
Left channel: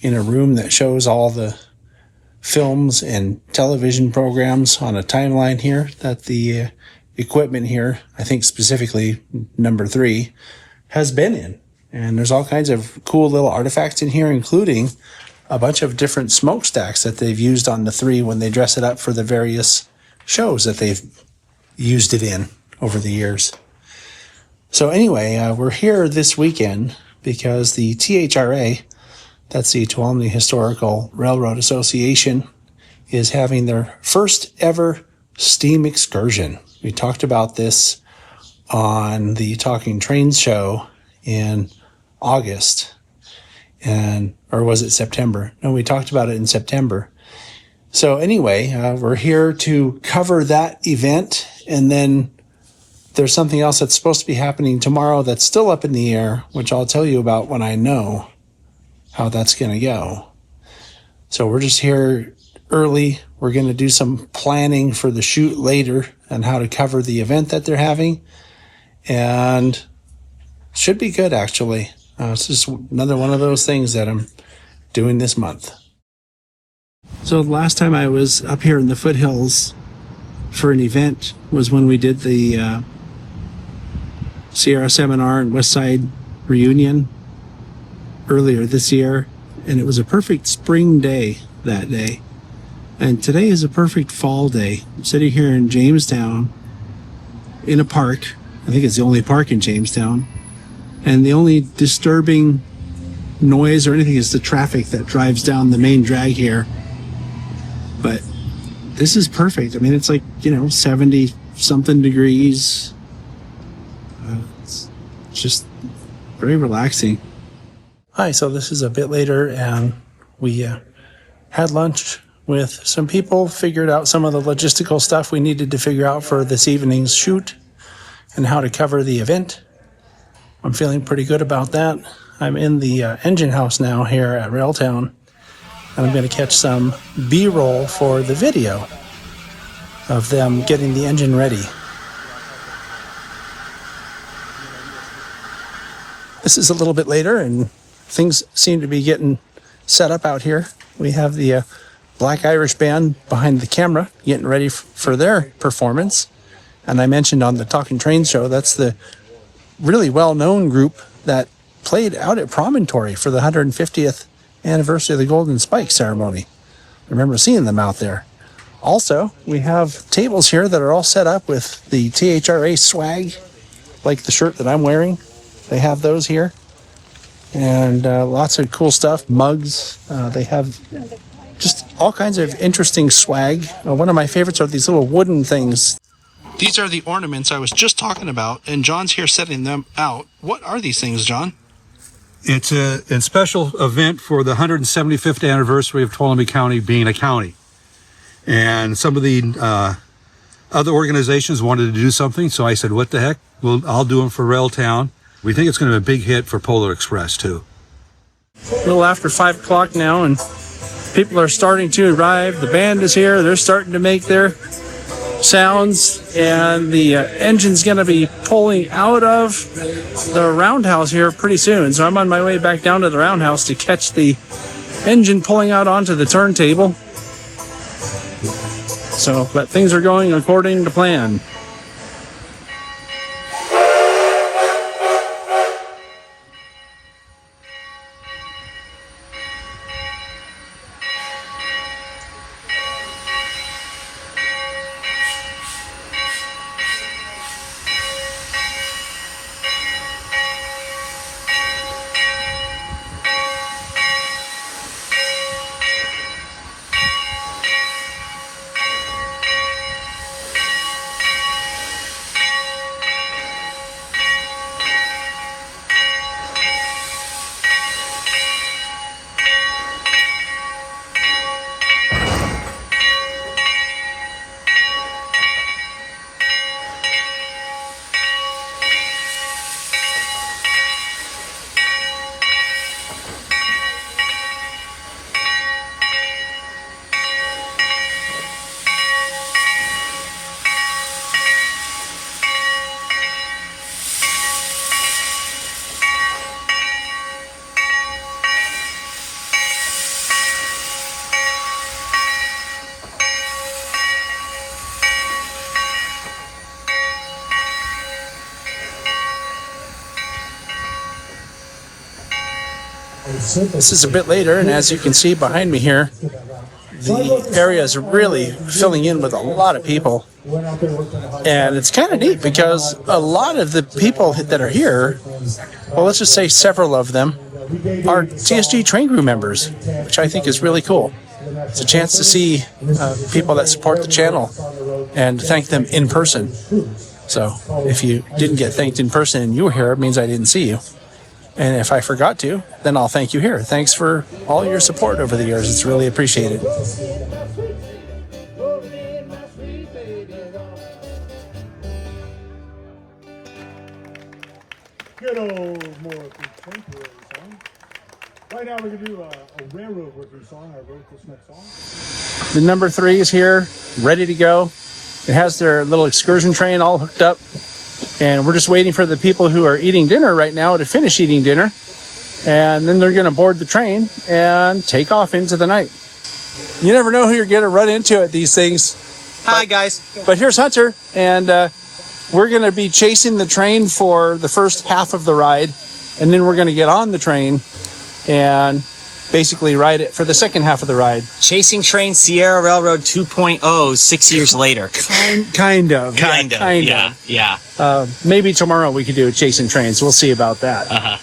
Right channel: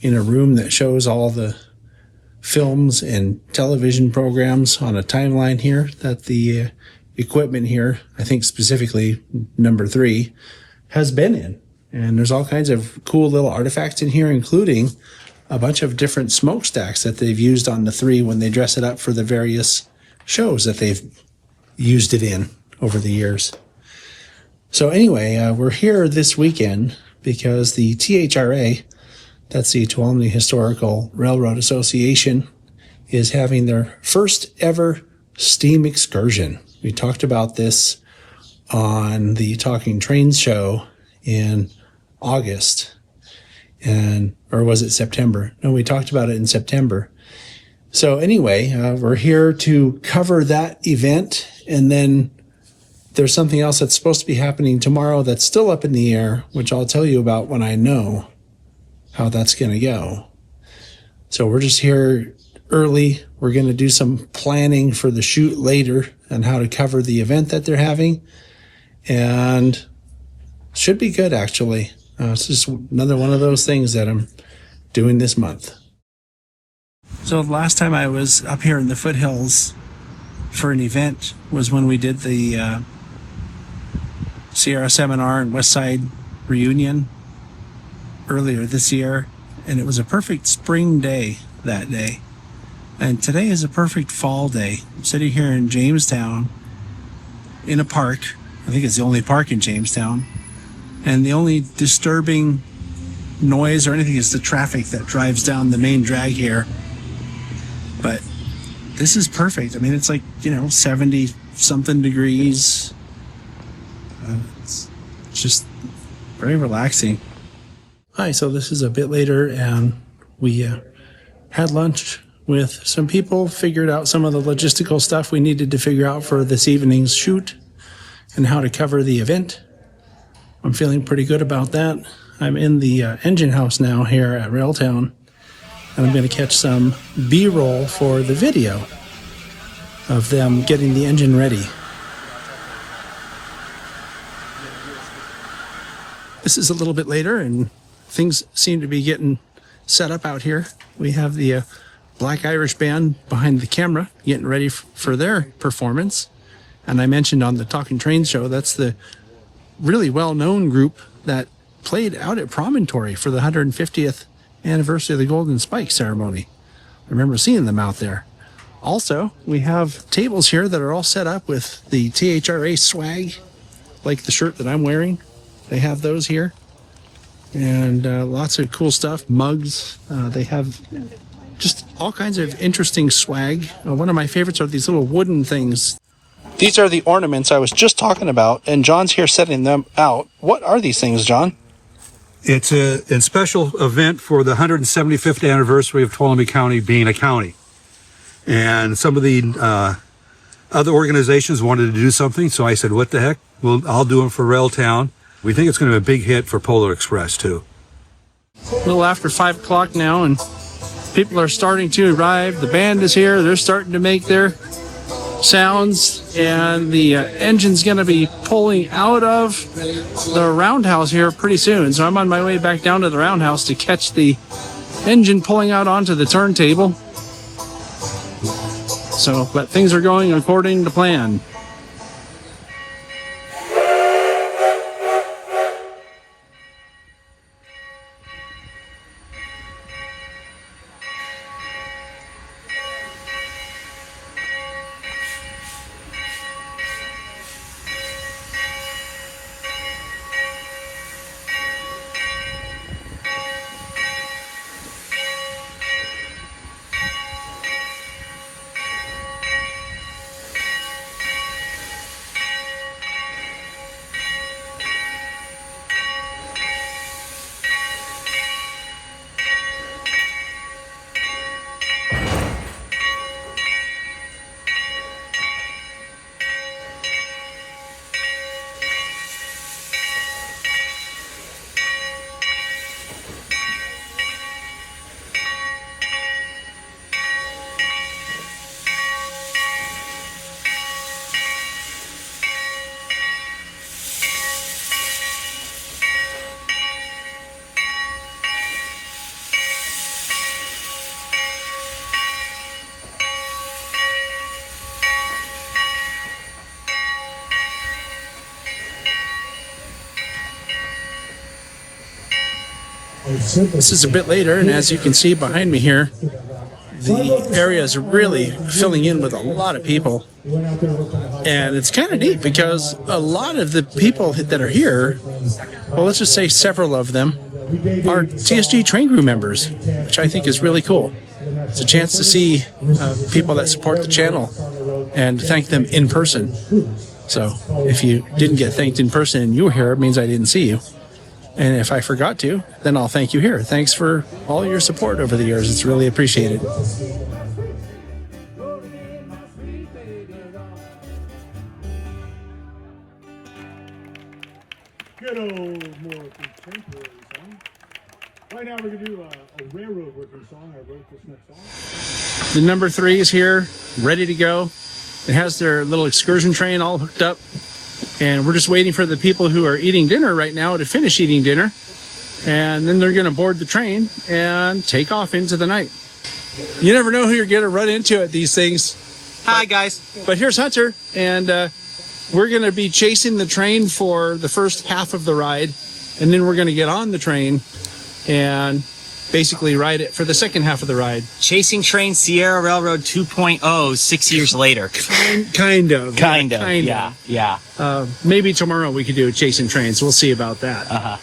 in a room that shows all the films and television programs on a timeline here that the equipment here, I think specifically number 3, has been in. And there's all kinds of cool little artifacts in here, including a bunch of different smokestacks that they've used on the 3 when they dress it up for the various shows that they've used it in over the years. So anyway, we're here this weekend because the THRA, that's the Tuolumne Historical Railroad Association, is having their first ever steam excursion. We talked about this on the Talking Trains show in August, or was it September? No, we talked about it in September. So anyway, we're here to cover that event, and then there's something else that's supposed to be happening tomorrow that's still up in the air, which I'll tell you about when I know how that's going to go. So we're just here early. We're going to do some planning for the shoot later and how to cover the event that they're having. And should be good, actually. It's just another one of those things that I'm doing this month. So the last time I was up here in the foothills for an event was when we did the Sierra Seminar and West Side reunion earlier this year, and it was a perfect spring day that day. And today is a perfect fall day. I'm sitting here in Jamestown in a park. I think it's the only park in Jamestown. And the only disturbing noise or anything is the traffic that drives down the main drag here. But this is perfect. I mean, it's like, 70 something degrees. It's just very relaxing. Hi, so this is a bit later, and we had lunch with some people, figured out some of the logistical stuff we needed to figure out for this evening's shoot and how to cover the event. I'm feeling pretty good about that. I'm in the engine house now here at Railtown, and I'm going to catch some B-roll for the video of them getting the engine ready. This is a little bit later, and things seem to be getting set up out here. We have the Black Irish Band behind the camera getting ready for their performance. And I mentioned on the Talking Trains show, that's the really well-known group that played out at Promontory for the 150th anniversary of the Golden Spike ceremony. I remember seeing them out there. Also, we have tables here that are all set up with the THRA swag, like the shirt that I'm wearing. They have those here. And lots of cool stuff, mugs. They have just all kinds of interesting swag. One of my favorites are these little wooden things. These are the ornaments I was just talking about, and John's here setting them out. What are these things, John? It's a special event for the 175th anniversary of Tuolumne County being a county. And some of the other organizations wanted to do something, so I said, what the heck? Well, I'll do them for Railtown. We think it's going to be a big hit for Polar Express, too. A little after 5 o'clock now, and people are starting to arrive. The band is here. They're starting to make their sounds, and the engine's going to be pulling out of the roundhouse here pretty soon. So I'm on my way back down to the roundhouse to catch the engine pulling out onto the turntable. But things are going according to plan. This is a bit later, and as you can see behind me here, the area is really filling in with a lot of people. And it's kind of neat because a lot of the people that are here, well, let's just say several of them, are TSG train crew members, which I think is really cool. It's a chance to see people that support the channel and thank them in person. So if you didn't get thanked in person and you were here, it means I didn't see you. And if I forgot to, then I'll thank you here. Thanks for all your support over the years. It's really appreciated. Good old Morton Contemporary song. Right now we're going to do a railroad working song. I wrote this next song. The number 3 is here, ready to go. It has their little excursion train all hooked up. And we're just waiting for the people who are eating dinner right now to finish eating dinner. And then they're going to board the train and take off into the night. You never know who you're going to run into at these things. Hi, guys. But here's Hunter, and we're going to be chasing the train for the first half of the ride. And then we're going to get on the train and basically ride it for the second half of the ride. Chasing Train Sierra Railroad 2.0 6 years later. Kind of. Yeah. Maybe tomorrow we could do a Chasing Trains. We'll see about that. Uh-huh.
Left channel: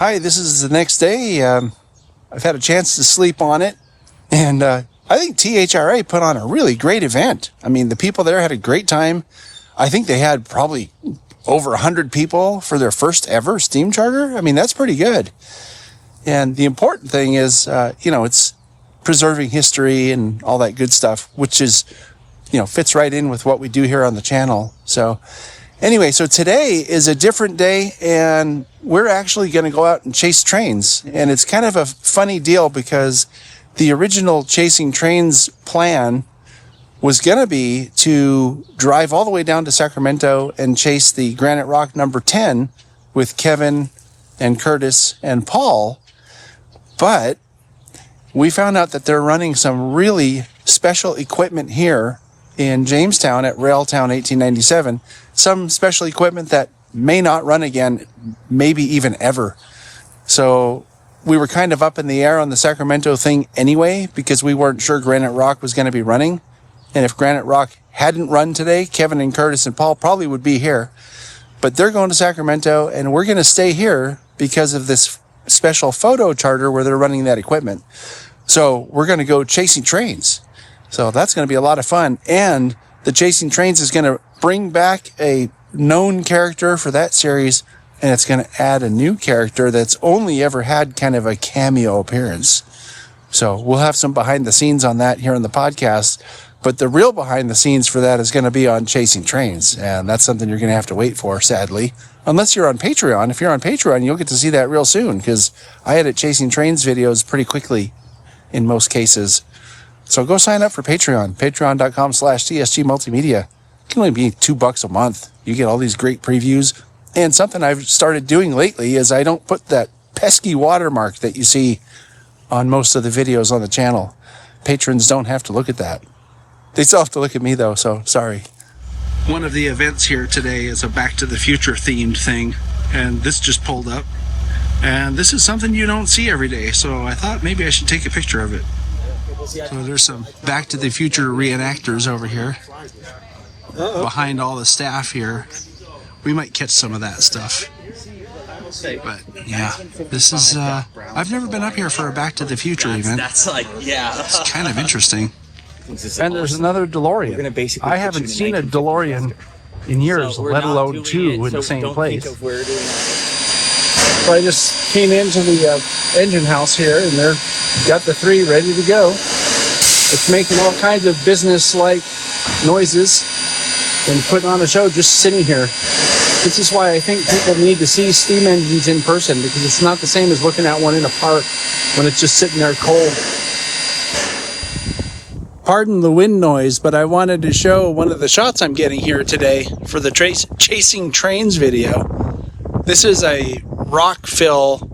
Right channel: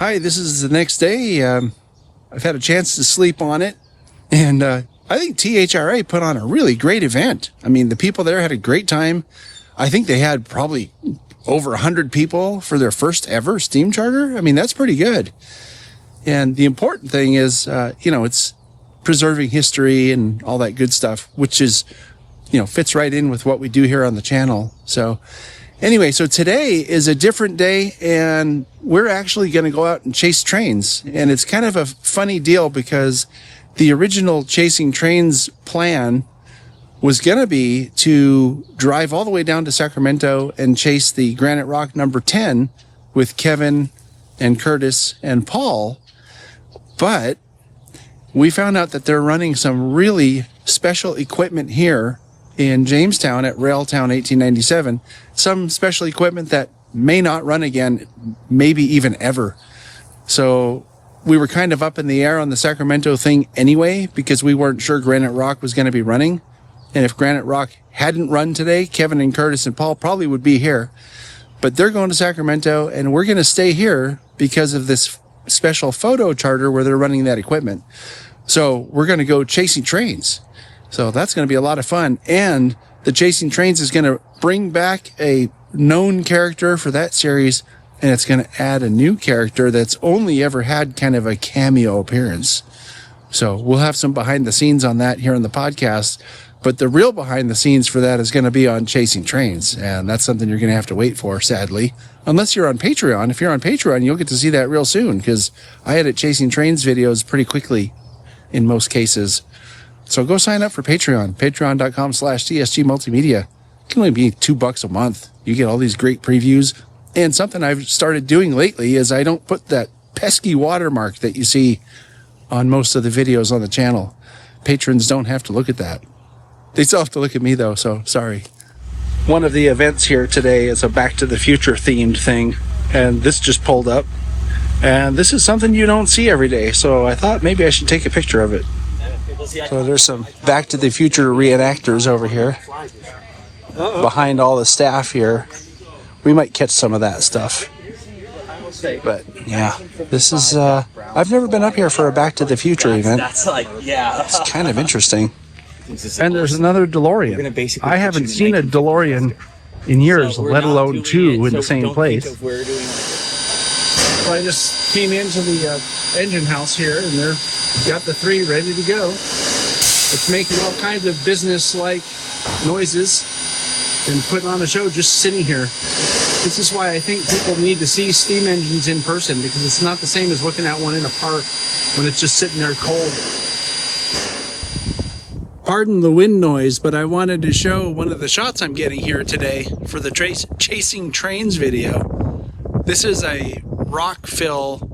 Hi, this is the next day. I've had a chance to sleep on it, and I think THRA put on a really great event. I mean, the people there had a great time. I think they had probably over 100 people for their first ever steam charter. I mean, that's pretty good. And the important thing is, it's preserving history and all that good stuff, which is, fits right in with what we do here on the channel. So anyway, so today is a different day, and we're actually going to go out and chase trains. And it's kind of a funny deal because the original Chasing Trains plan was going to be to drive all the way down to Sacramento and chase the Granite Rock number 10 with Kevin and Curtis and Paul. But we found out that they're running some really special equipment here in Jamestown at Railtown 1897. Some special equipment that may not run again, maybe even ever. So we were kind of up in the air on the Sacramento thing anyway, because we weren't sure Granite Rock was going to be running. And if Granite Rock hadn't run today, Kevin and Curtis and Paul probably would be here. But they're going to Sacramento, and we're going to stay here because of this special photo charter where they're running that equipment. So we're going to go chasing trains. So that's going to be a lot of fun. And the Chasing Trains is going to bring back a known character for that series, and it's going to add a new character that's only ever had kind of a cameo appearance. So we'll have some behind the scenes on that here in the podcast. But the real behind the scenes for that is going to be on Chasing Trains. And that's something you're going to have to wait for, sadly. Unless you're on Patreon. If you're on Patreon, you'll get to see that real soon, because I edit Chasing Trains videos pretty quickly in most cases. So go sign up for Patreon. Patreon.com/TSG Multimedia. It can only be $2 a month. You get all these great previews. And something I've started doing lately is I don't put that pesky watermark that you see on most of the videos on the channel. Patrons don't have to look at that. They still have to look at me, though, so sorry. One of the events here today is a Back to the Future themed thing, and this just pulled up. And this is something you don't see every day, so I thought maybe I should take a picture of it. So there's some Back to the Future reenactors over here. Behind all the staff here. We might catch some of that stuff. But, yeah, this is... I've never been up here for a Back to the Future event. It's kind of interesting. And there's another DeLorean. I haven't seen a DeLorean in years, let alone two in the same place. So I just came into the engine house here, and they're got the 3 ready to go. It's making all kinds of business-like noises and putting on a show just sitting here. This is why I think people need to see steam engines in person, because it's not the same as looking at one in a park when it's just sitting there cold. Pardon the wind noise, but I wanted to show one of the shots I'm getting here today for the Chasing Trains video. This is a rock fill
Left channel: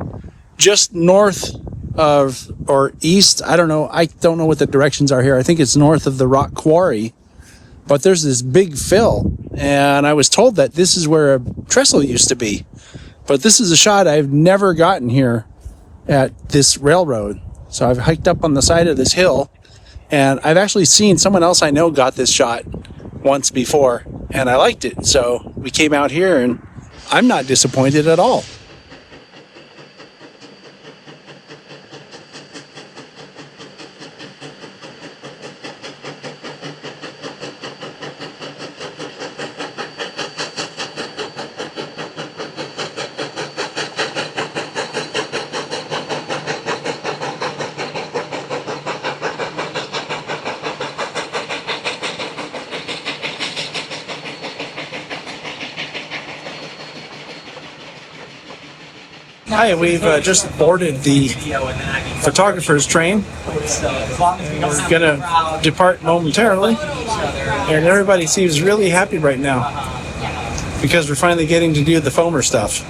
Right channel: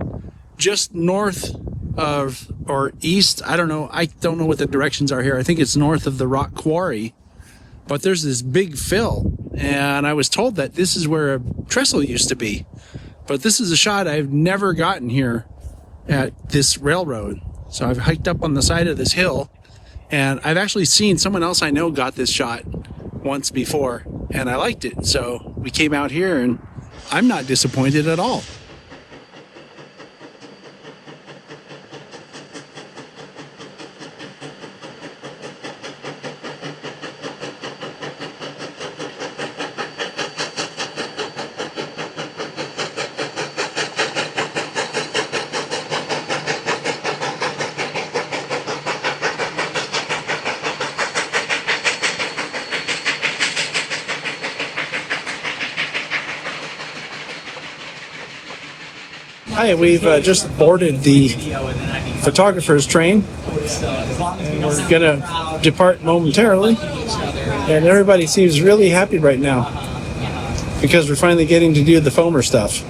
just north of, or east, I don't know what the directions are here. I think it's north of the rock quarry, but there's this big fill, and I was told that this is where a trestle used to be. But this is a shot I've never gotten here at this railroad. So I've hiked up on the side of this hill, and I've actually seen someone else I know got this shot once before, and I liked it. So we came out here, and I'm not disappointed at all. Hi, we've just boarded the photographer's train, and we're going to depart momentarily, and everybody seems really happy right now because we're finally getting to do the foamer stuff.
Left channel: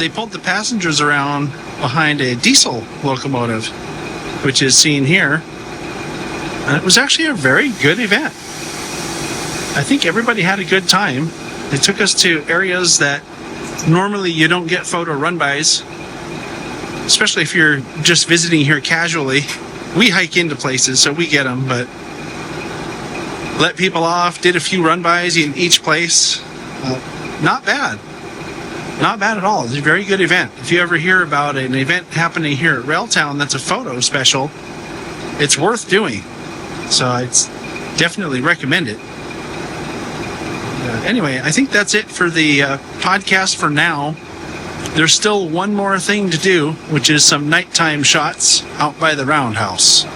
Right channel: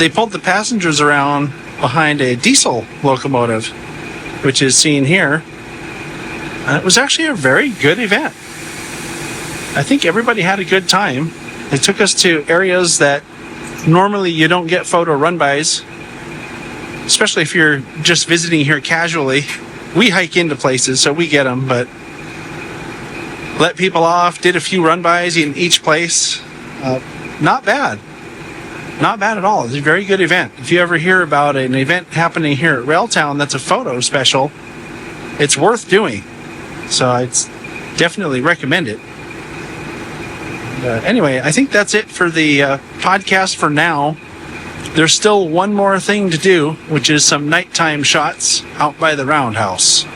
they pulled the passengers around behind a diesel locomotive, which is seen here. And it was actually a very good event. I think everybody had a good time. They took us to areas that normally you don't get photo run-bys, especially if you're just visiting here casually. We hike into places, so we get them, but let people off, did a few run-bys in each place. Not bad. Not bad at all. It's a very good event. If you ever hear about an event happening here at Railtown that's a photo special, it's worth doing. So I'd definitely recommend it. Anyway, I think that's it for the podcast for now. There's still one more thing to do, which is some nighttime shots out by the roundhouse.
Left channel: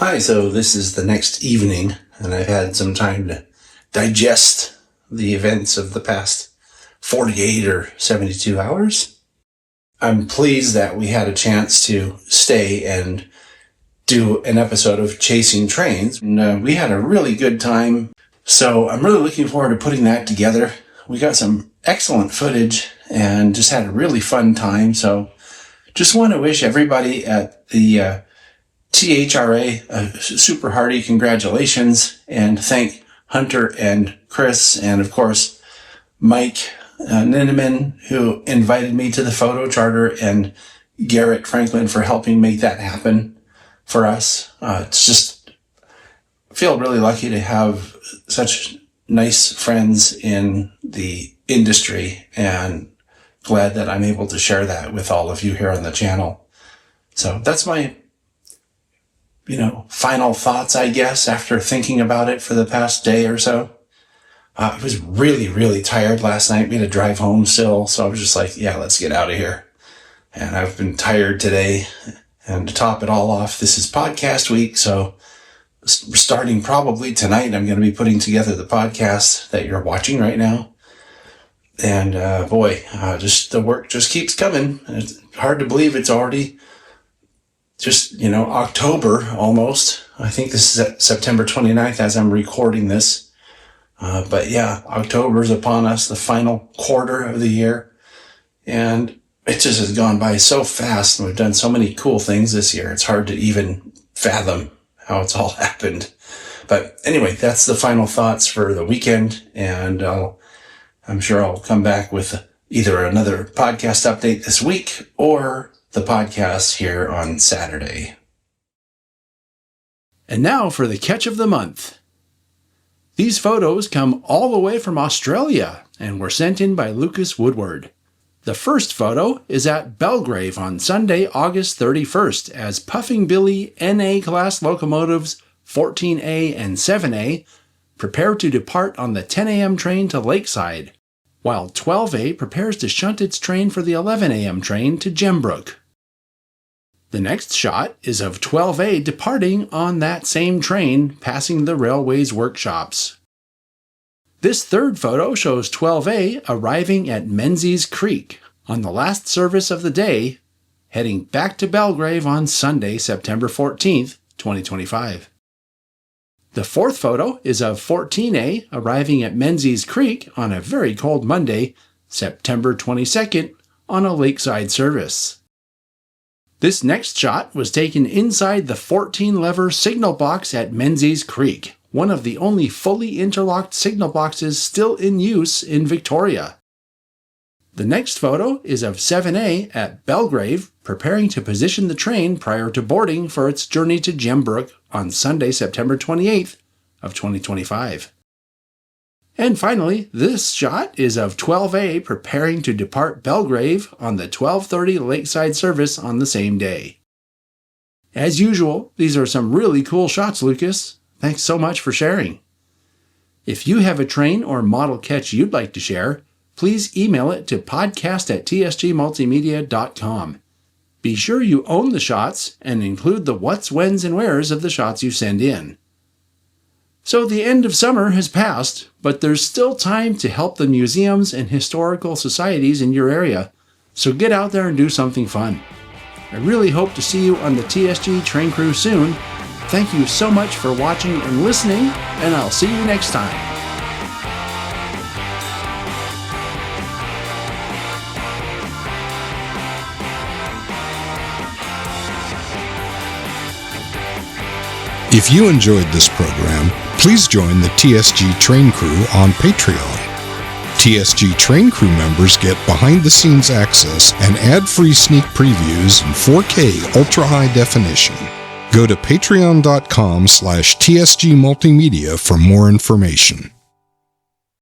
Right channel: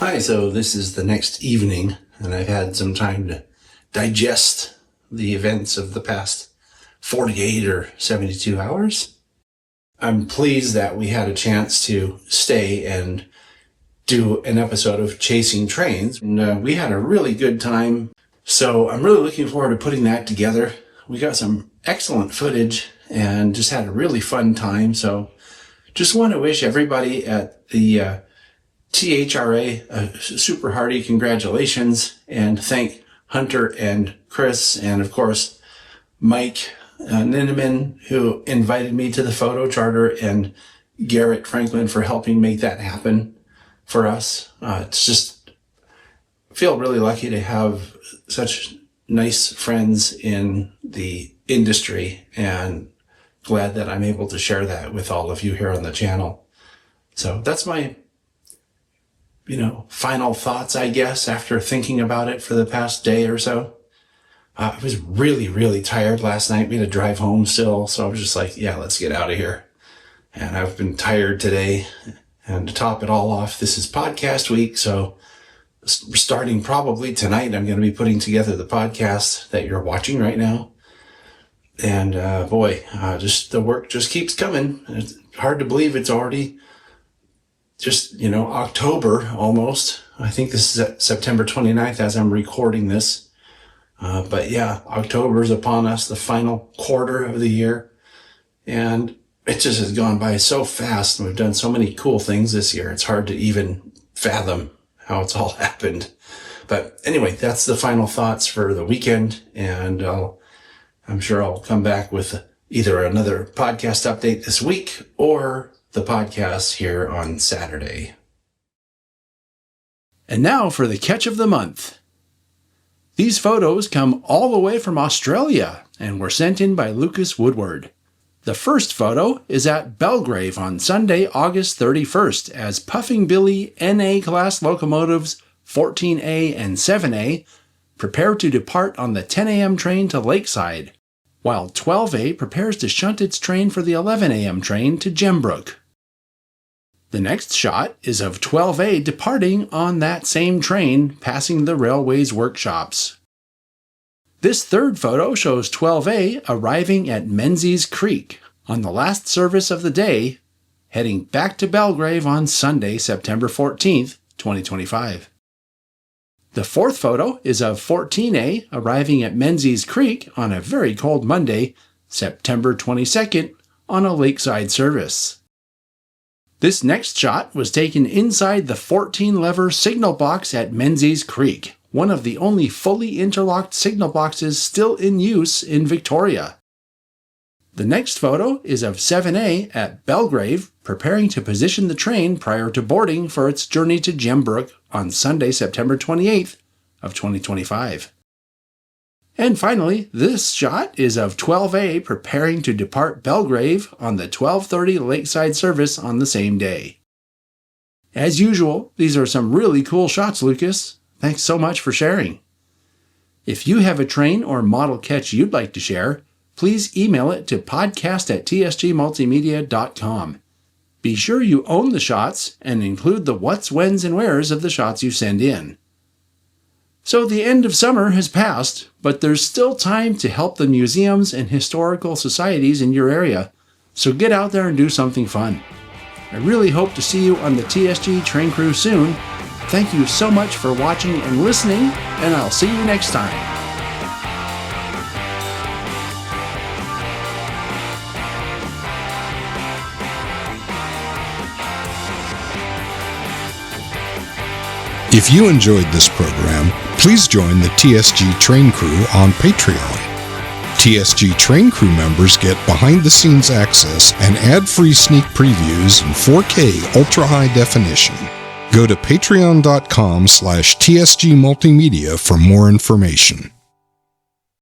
Hi, so this is the next evening, and I've had some time to digest the events of the past 48 or 72 hours. I'm pleased that we had a chance to stay and do an episode of Chasing Trains. And, we had a really good time, so I'm really looking forward to putting that together. We got some excellent footage and just had a really fun time, so just want to wish everybody at the THRA a super hearty congratulations, and thank Hunter and Chris and of course Mike Ninneman, who invited me to the photo charter, and Garrett Franklin for helping make that happen for us. It's just, I feel really lucky to have such nice friends in the industry, and glad that I'm able to share that with all of you here on the channel. So that's my final thoughts, I guess, after thinking about it for the past day or so. I was really, really tired last night. We had to drive home still, so I was just like, yeah, let's get out of here. And I've been tired today. And to top it all off, this is podcast week, so starting probably tonight, I'm going to be putting together the podcast that you're watching right now. And just the work just keeps coming. It's hard to believe it's already just, October almost. I think this is September 29th as I'm recording this. But yeah, October's upon us, the final quarter of the year. And it just has gone by so fast, and we've done so many cool things this year. It's hard to even fathom how it's all happened. But anyway, that's the final thoughts for the weekend. And I'm sure I'll come back with either another podcast update this week or the podcast here on Saturday. And now for the catch of the month. These photos come all the way from Australia and were sent in by Lucas Woodward. The first photo is at Belgrave on Sunday, August 31st, as Puffing Billy NA class locomotives 14A and 7A prepare to depart on the 10 a.m. train to Lakeside, while 12A prepares to shunt its train for the 11 a.m. train to Gembrook. The next shot is of 12A departing on that same train, passing the railway's workshops. This third photo shows 12A arriving at Menzies Creek on the last service of the day, heading back to Belgrave on Sunday, September 14th, 2025. The fourth photo is of 14A arriving at Menzies Creek on a very cold Monday, September 22nd, on a lakeside service. This next shot was taken inside the 14-lever signal box at Menzies Creek, one of the only fully interlocked signal boxes still in use in Victoria. The next photo is of 7A at Belgrave, preparing to position the train prior to boarding for its journey to Gembrook on Sunday, September 28th of 2025. And finally, this shot is of 12A preparing to depart Belgrave on the 12:30 Lakeside service on the same day. As usual, these are some really cool shots, Lucas. Thanks so much for sharing. If you have a train or model catch you'd like to share, please email it to podcast@tsgmultimedia.com. Be sure you own the shots and include the what's, whens, and wheres of the shots you send in. So the end of summer has passed, but there's still time to help the museums and historical societies in your area, so get out there and do something fun. I really hope to see you on the TSG train crew soon. Thank you so much for watching and listening, and I'll see you next time. If you enjoyed this program, please join the TSG Train Crew on Patreon. TSG Train Crew members get behind-the-scenes access and ad-free sneak previews in 4K ultra-high definition. Go to patreon.com/TSG Multimedia for more information.